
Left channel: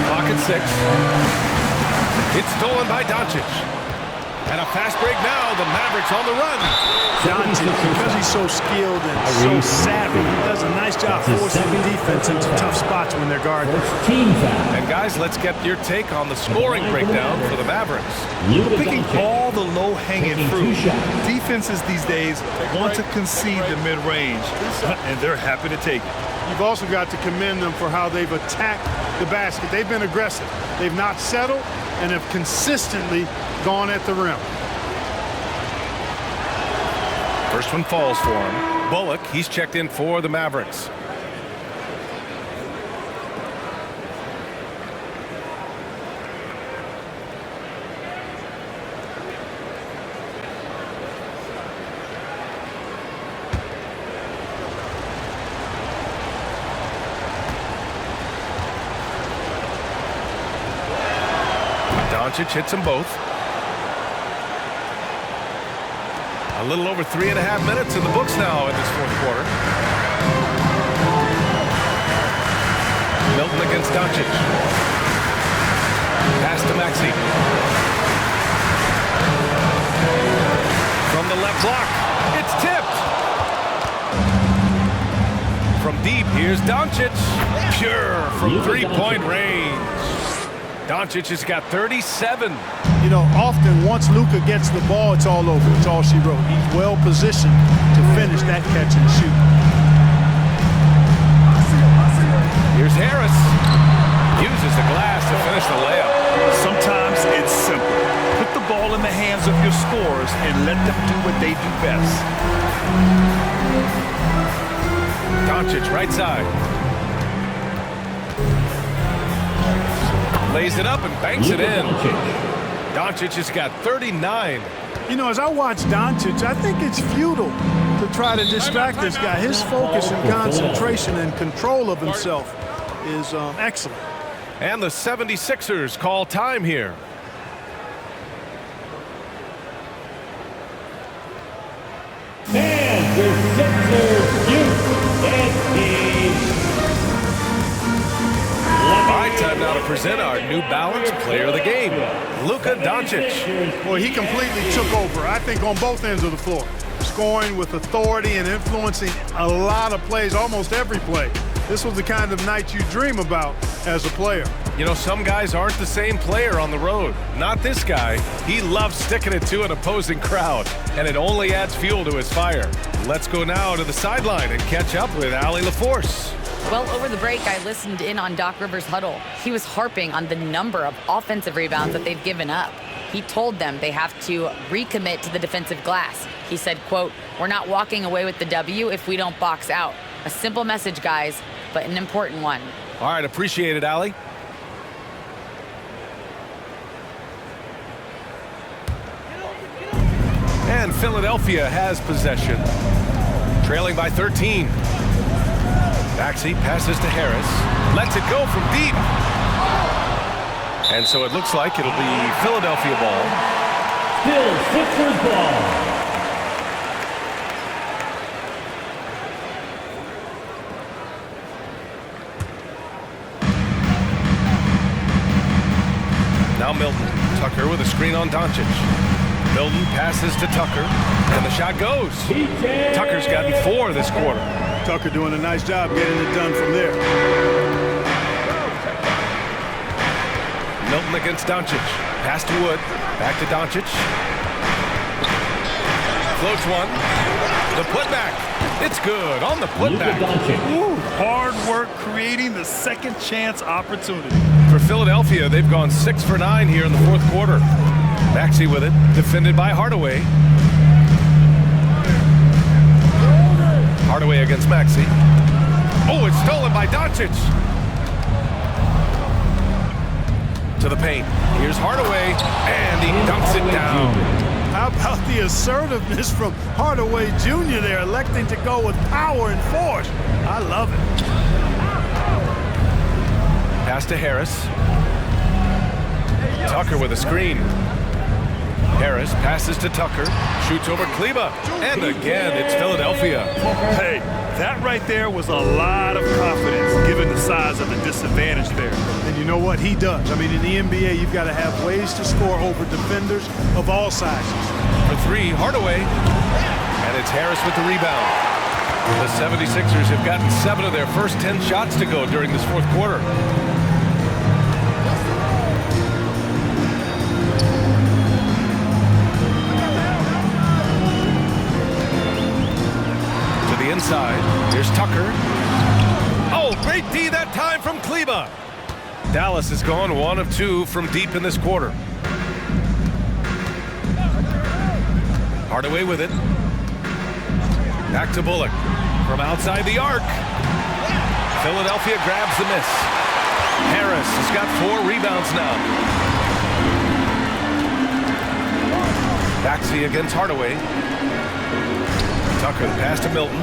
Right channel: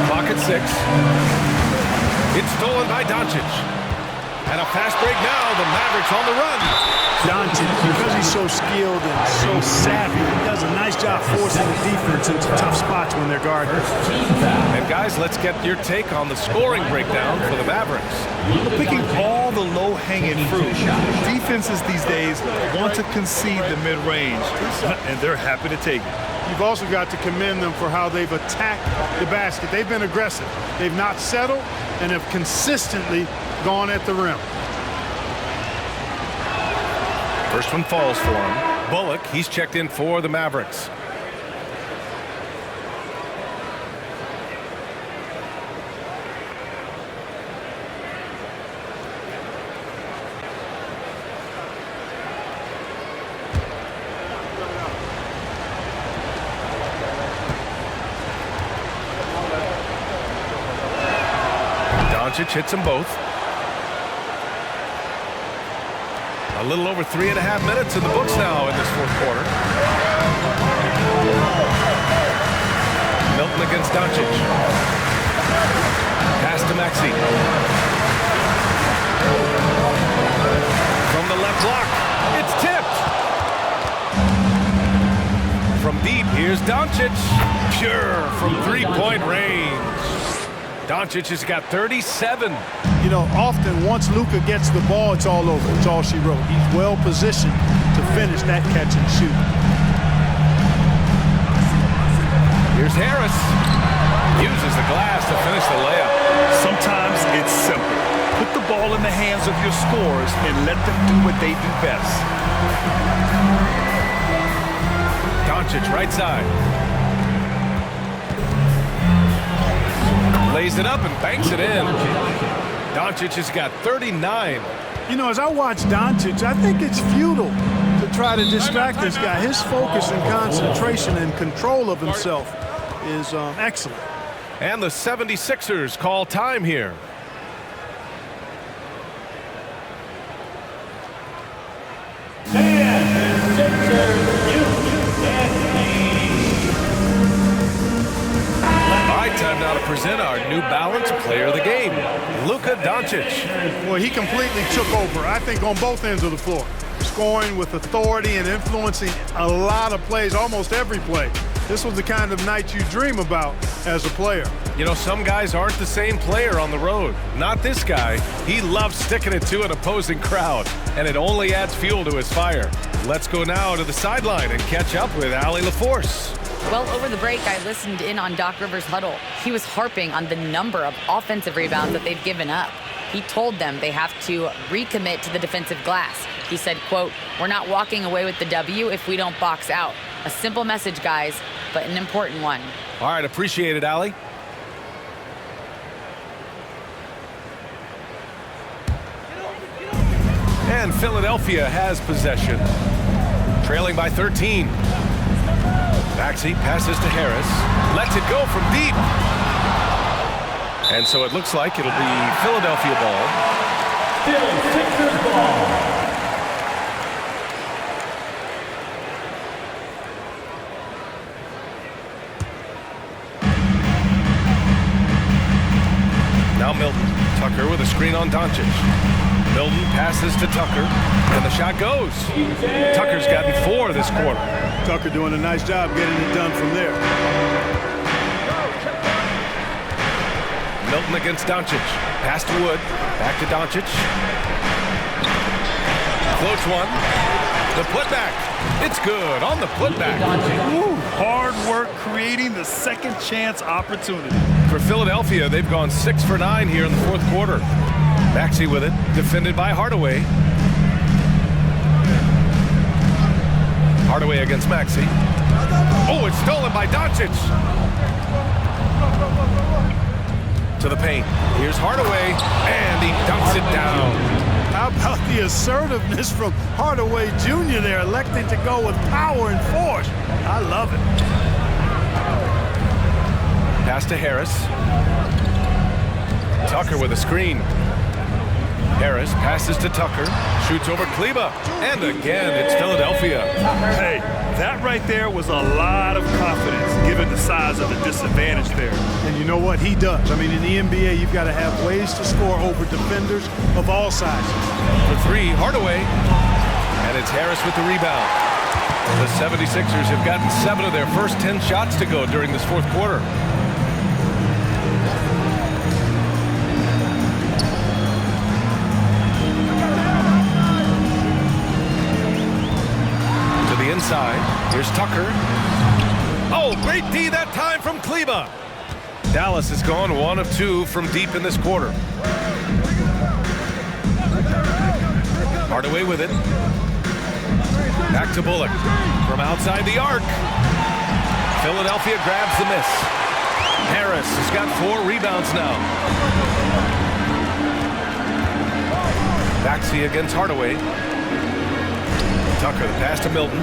Clock at 6. It's stolen by Doncic. And a fast break now. The Mavericks on the run. Doncic, because he's so skilled and so savvy, he does a nice job forcing the defense into tough spots when they're guarded. And guys, let's get your take on the scoring breakdown for the Mavericks. We're picking all the low-hanging fruit. Defenses these days want to concede the mid-range, and they're happy to take it. You've also got to commend them for how they've attacked the basket. They've been aggressive. They've not settled and have consistently gone at the rim. First one falls for him. Bullock, he's checked in for the Mavericks. Doncic hits them both. A little over 3.5 minutes in the books now in this fourth quarter. Milton against Doncic. Pass to Maxey. From the left block, it's tipped. From deep, here's Doncic. Pure from three-point range. Doncic has got 37. You know, often once Luka gets the ball, it's all over. It's all she wrote. He's well positioned to finish that catch and shoot. Here's Harris. Uses the glass to finish the layup. Sometimes it's simple. Put the ball in the hands of your scorers and let them do what they do best. Doncic right side. Lays it up and banks it in. Doncic has got 39. You know, as I watch Doncic, I think it's futile to try to distract this guy. His focus and concentration and control of himself is excellent. And the 76ers call time here. And the Sixers youth and team. All right, time now to present our New Balance Player of the Game, Luka Doncic. Well, he completely took over, I think, on both ends of the floor. Scoring with authority and influencing a lot of plays, almost every play. This was the kind of night you dream about as a player. You know, some guys aren't the same player on the road. Not this guy. He loves sticking it to an opposing crowd, and it only adds fuel to his fire. Let's go now to the sideline and catch up with Allie LaForce. Well, over the break, I listened in on Doc Rivers' huddle. He was harping on the number of offensive rebounds that they've given up. He told them they have to recommit to the defensive glass. He said, quote, "We're not walking away with the W if we don't box out." A simple message, guys, but an important one. All right, appreciate it, Allie. And Philadelphia has possession, trailing by 13. Maxey passes to Harris, lets it go from deep. And so it looks like it'll be Philadelphia ball. Still Sixers ball. Now Milton. Tucker with a screen on Doncic. Milton passes to Tucker, and the shot goes. Tucker's gotten 4 this quarter. Tucker doing a nice job getting it done from there. Milton against Doncic. Pass to Wood. Back to Doncic. Floats one. The putback. It's good on the putback. Ooh, hard work creating the second chance opportunity. For Philadelphia, they've gone 6 for 9 here in the fourth quarter. Maxey with it, defended by Hardaway. Hardaway against Maxey. Oh, it's stolen by Doncic. To the paint. Here's Hardaway, and he dunks it down. How about the assertiveness from Hardaway Jr. there, electing to go with power and force? I love it. Pass to Harris. Tucker with a screen. Harris passes to Tucker, shoots over Kleba, and again it's Philadelphia. Hey, that right there was a lot of confidence given the size of the disadvantage there. And you know what? He does. I mean, in the NBA, you've got to have ways to score over defenders of all sizes. For three, Hardaway, and it's Harris with the rebound. The 76ers have gotten 7 of their first 10 shots to go during this fourth quarter. To the inside, here's Tucker. Oh, great D that time from Kleba. Dallas has gone 1 of 2 from deep in this quarter. Hardaway with it. Back to Bullock from outside the arc. Philadelphia grabs the miss. Harris has got 4 rebounds now. Maxey against Hardaway. Tucker the pass to Milton.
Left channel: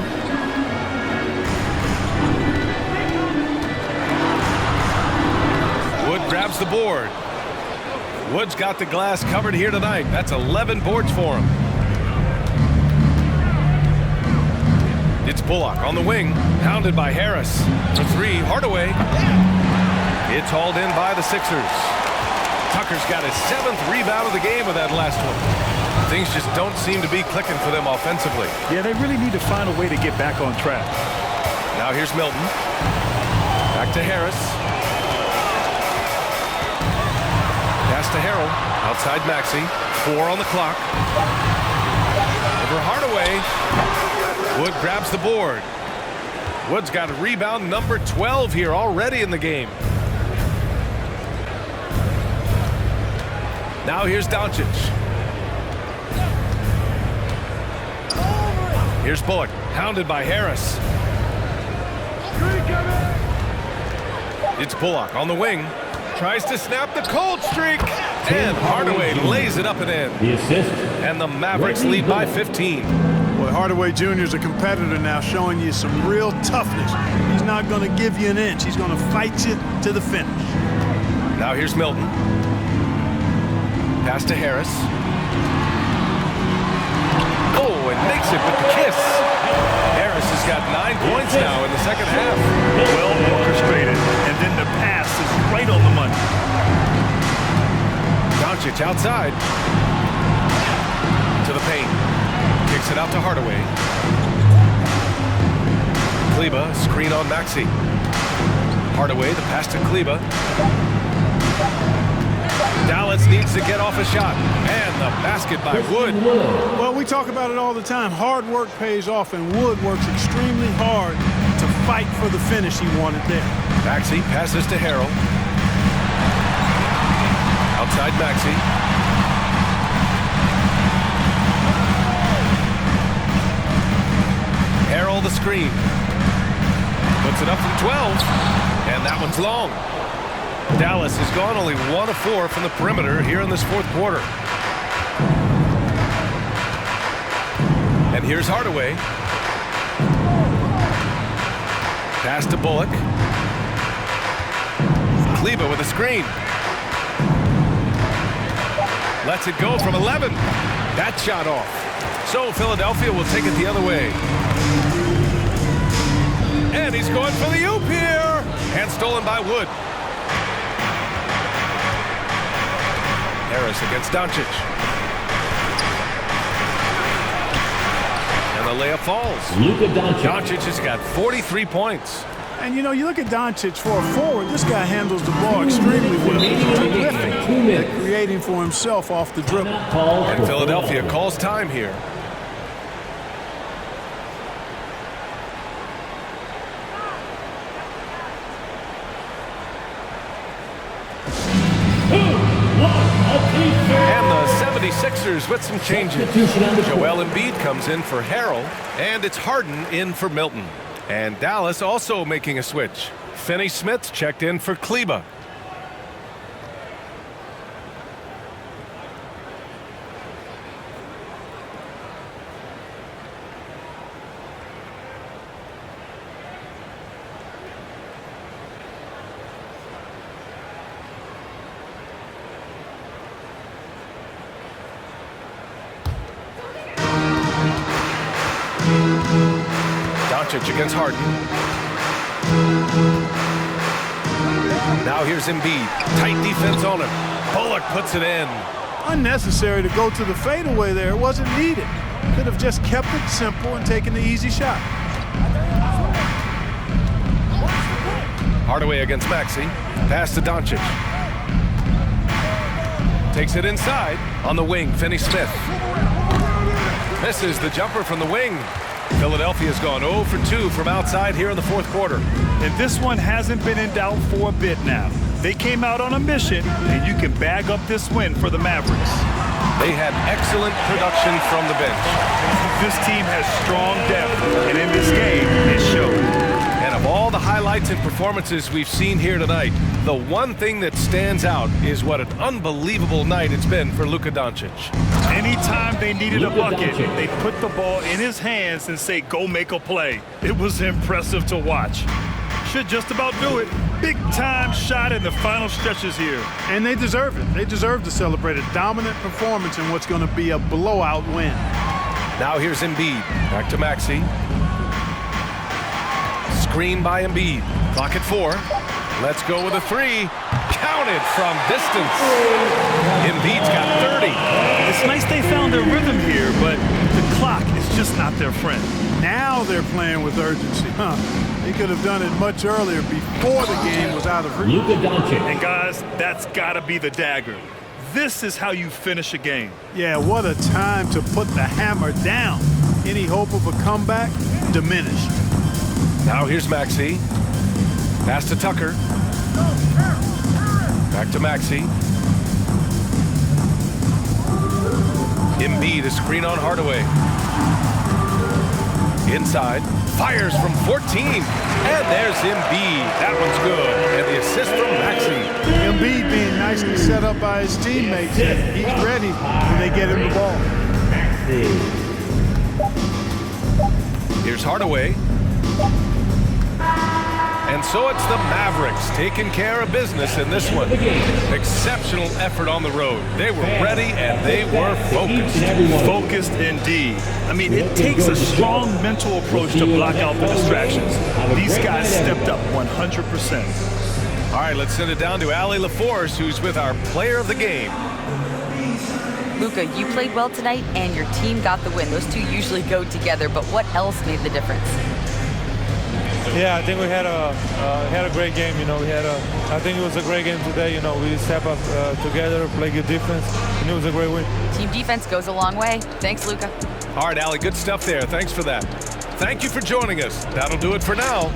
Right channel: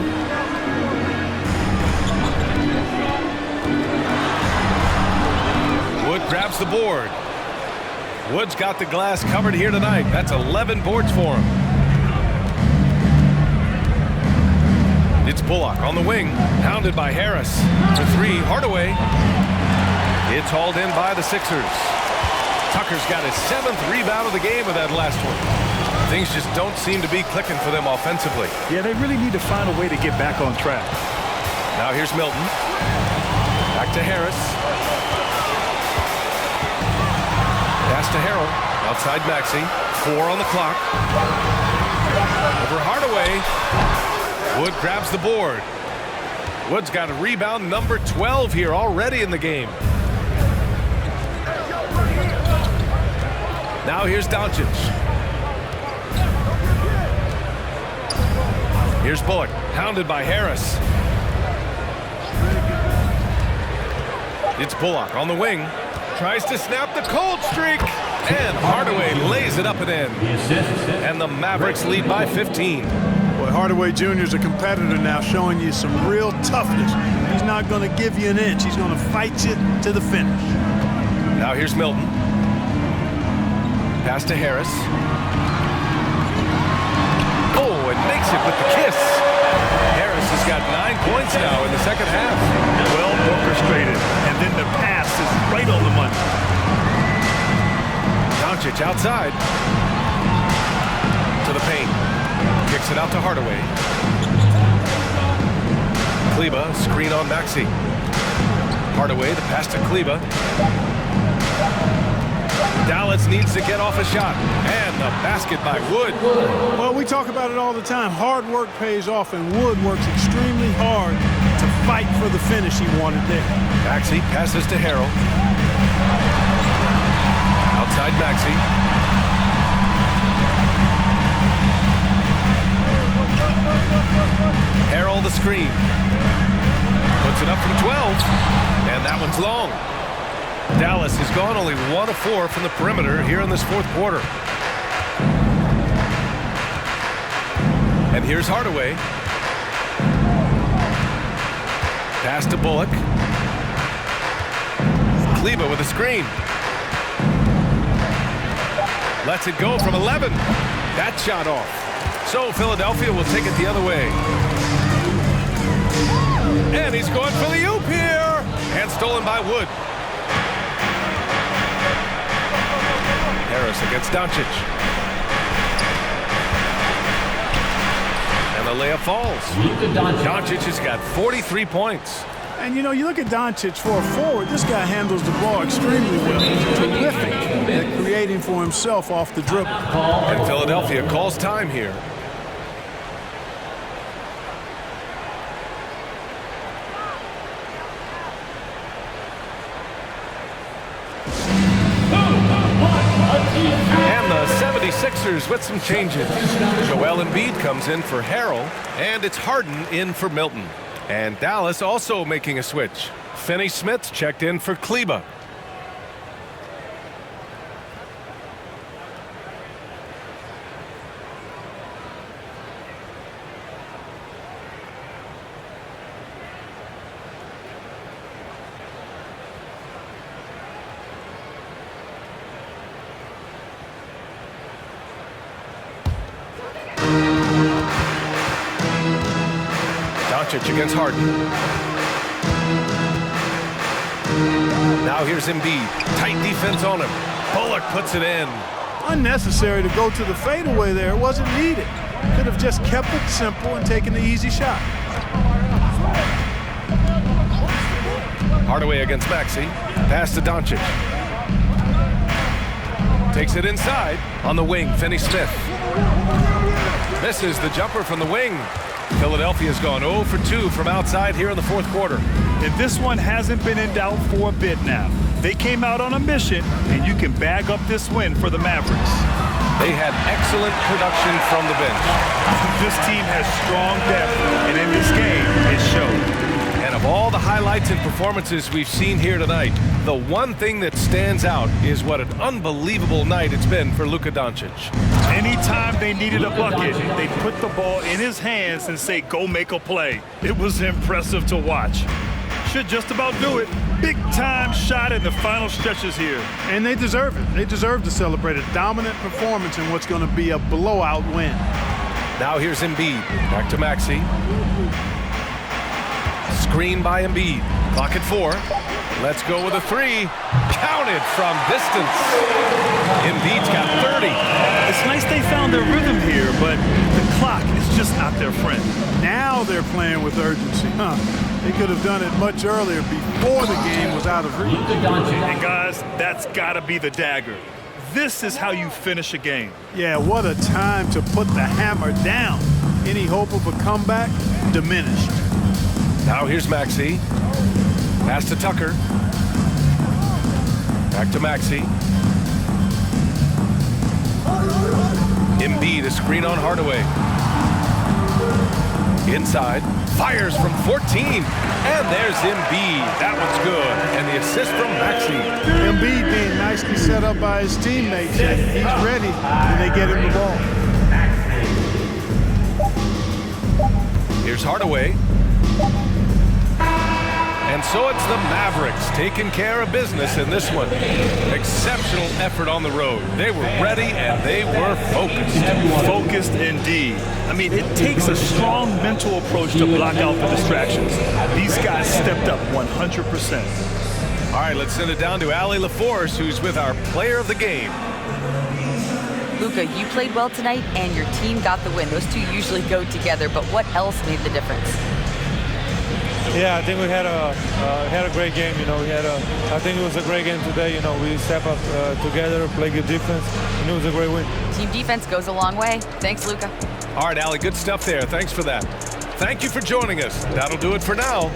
Wood grabs the board. Wood's got the glass covered here tonight. That's 11 boards for him. It's Bullock on the wing, pounded by Harris. For 3, Hardaway. It's hauled in by the Sixers. Tucker's got his 7th rebound of the game with that last one. Things just don't seem to be clicking for them offensively. Yeah, they really need to find a way to get back on track. Now here's Milton. Back to Harris. Pass to Harrell. Outside Maxey. 4 on the clock. Over Hardaway. Wood grabs the board. Wood's got a rebound number 12 here already in the game. Now here's Doncic. Here's Bullock, pounded by Harris. It's Bullock on the wing. Tries to snap the cold streak. And Hardaway lays it up and in. The assist. And the Mavericks lead by 15. Boy, Hardaway Jr. is a competitor now, showing you some real toughness. He's not going to give you an inch. He's going to fight you to the finish. Now here's Milton. Pass to Harris. Oh, and makes it with the kiss. Harris has got 9 points now in the second half. Well orchestrated, and then the pass is right on the money. Doncic outside. To the paint. Kicks it out to Hardaway. Kleba, screen on Maxey. Hardaway, the pass to Kleba. Dallas needs to get off a shot. And the basket by Wood. Well, we talk about it all the time. Hard work pays off, and Wood works extremely hard to fight for the finish he wanted there. Maxey passes to Harrell. Outside Maxey. Harrell the screen. Puts it up from 12. And that one's long. Dallas has gone only 1 of 4 from the perimeter here in this fourth quarter. And here's Hardaway. Pass to Bullock. Kleba with a screen. Lets it go from 11. That shot off. So Philadelphia will take it the other way. And he's going for the oop here. And stolen by Wood. Harris against Doncic. And the layup falls. Doncic has got 43 points. And, you know, you look at Doncic for a forward, this guy handles the ball extremely well. He's terrific at creating for himself off the dribble. And Philadelphia calls time here. And the 76ers with some changes. Joel Embiid comes in for Harrell, and it's Harden in for Milton. And Dallas also making a switch. Finney Smith checked in for Kleba. Doncic against Harden. Now here's Embiid. Tight defense on him. Bullock puts it in. Unnecessary to go to the fadeaway there. It wasn't needed. Could have just kept it simple and taken the easy shot. Hardaway against Maxey. Pass to Doncic. Takes it inside. On the wing, Finney-Smith. Misses the jumper from the wing. Philadelphia's gone 0 for 2 from outside here in the fourth quarter. And this one hasn't been in doubt for a bit now. They came out on a mission, and you can bag up this win for the Mavericks. They had excellent production from the bench. This team has strong depth, and in this game, it showed. And of all the highlights and performances we've seen here tonight, the one thing that stands out is what an unbelievable night it's been for Luka Doncic. Anytime they needed a bucket, they'd put the ball in his hands and say, go make a play. It was impressive to watch. Should just about do it. Big-time shot in the final stretches here. And they deserve it. They deserve to celebrate a dominant performance in what's going to be a blowout win. Now here's Embiid. Back to Maxey. Screen by Embiid. Clock at 4. Let's go with a 3. Counted from distance. Embiid's got 30. It's nice they found their rhythm here, but the clock is just not their friend. Now they're playing with urgency. They could have done it much earlier before the game was out of reach. Luka Doncic. And guys, that's got to be the dagger. This is how you finish a game. Yeah, what a time to put the hammer down. Any hope of a comeback? Diminished. Now here's Maxey. Pass to Tucker. Back to Maxey. Embiid, a screen on Hardaway. Inside. Fires from 14. And there's Embiid. That one's good. And the assist from Maxey. Embiid being nicely set up by his teammates, and he's ready when they get him the ball. Here's Hardaway. And so it's the Mavericks taking care of business in this one. Exceptional effort on the road. They were ready and they were focused. Focused indeed. I mean, it takes a strong mental approach to block out the distractions. These guys stepped up 100%. All right, let's send it down to Allie LaForce, who's with our player of the game. Luka, you played well tonight, and your team got the win. Those two usually go together, but what else made the difference? Yeah, I think we had a great game. You know, I think it was a great game today. You know, we step up together, play good defense, and it was a great win. Team defense goes a long way. Thanks, Luka. All right, Allie, good stuff there. Thanks for that. Thank you for joining us. That'll do it for now.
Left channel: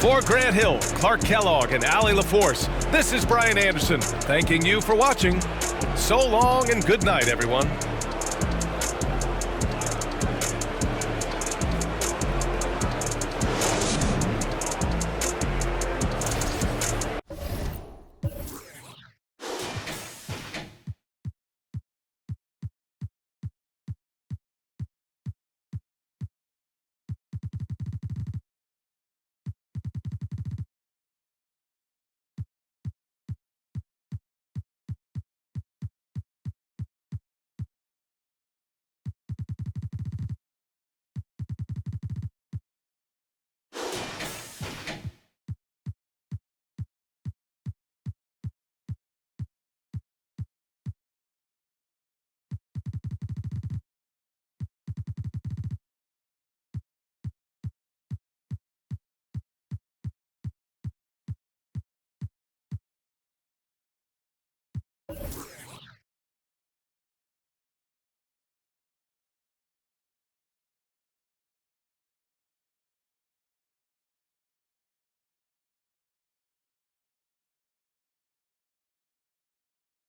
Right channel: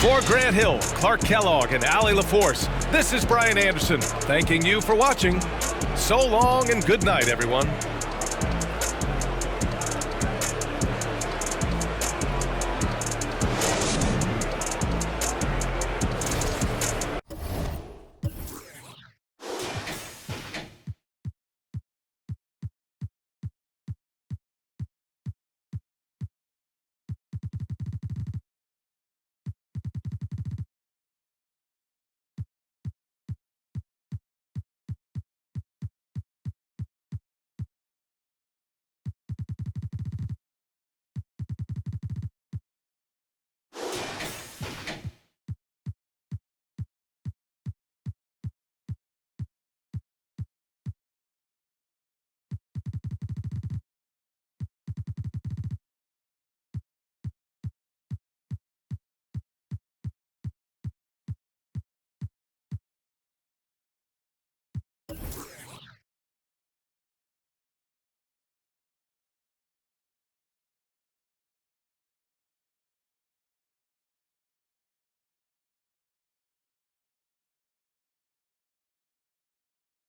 For Grant Hill, Clark Kellogg, and Allie LaForce, this is Brian Anderson, thanking you for watching. So long and good night, everyone.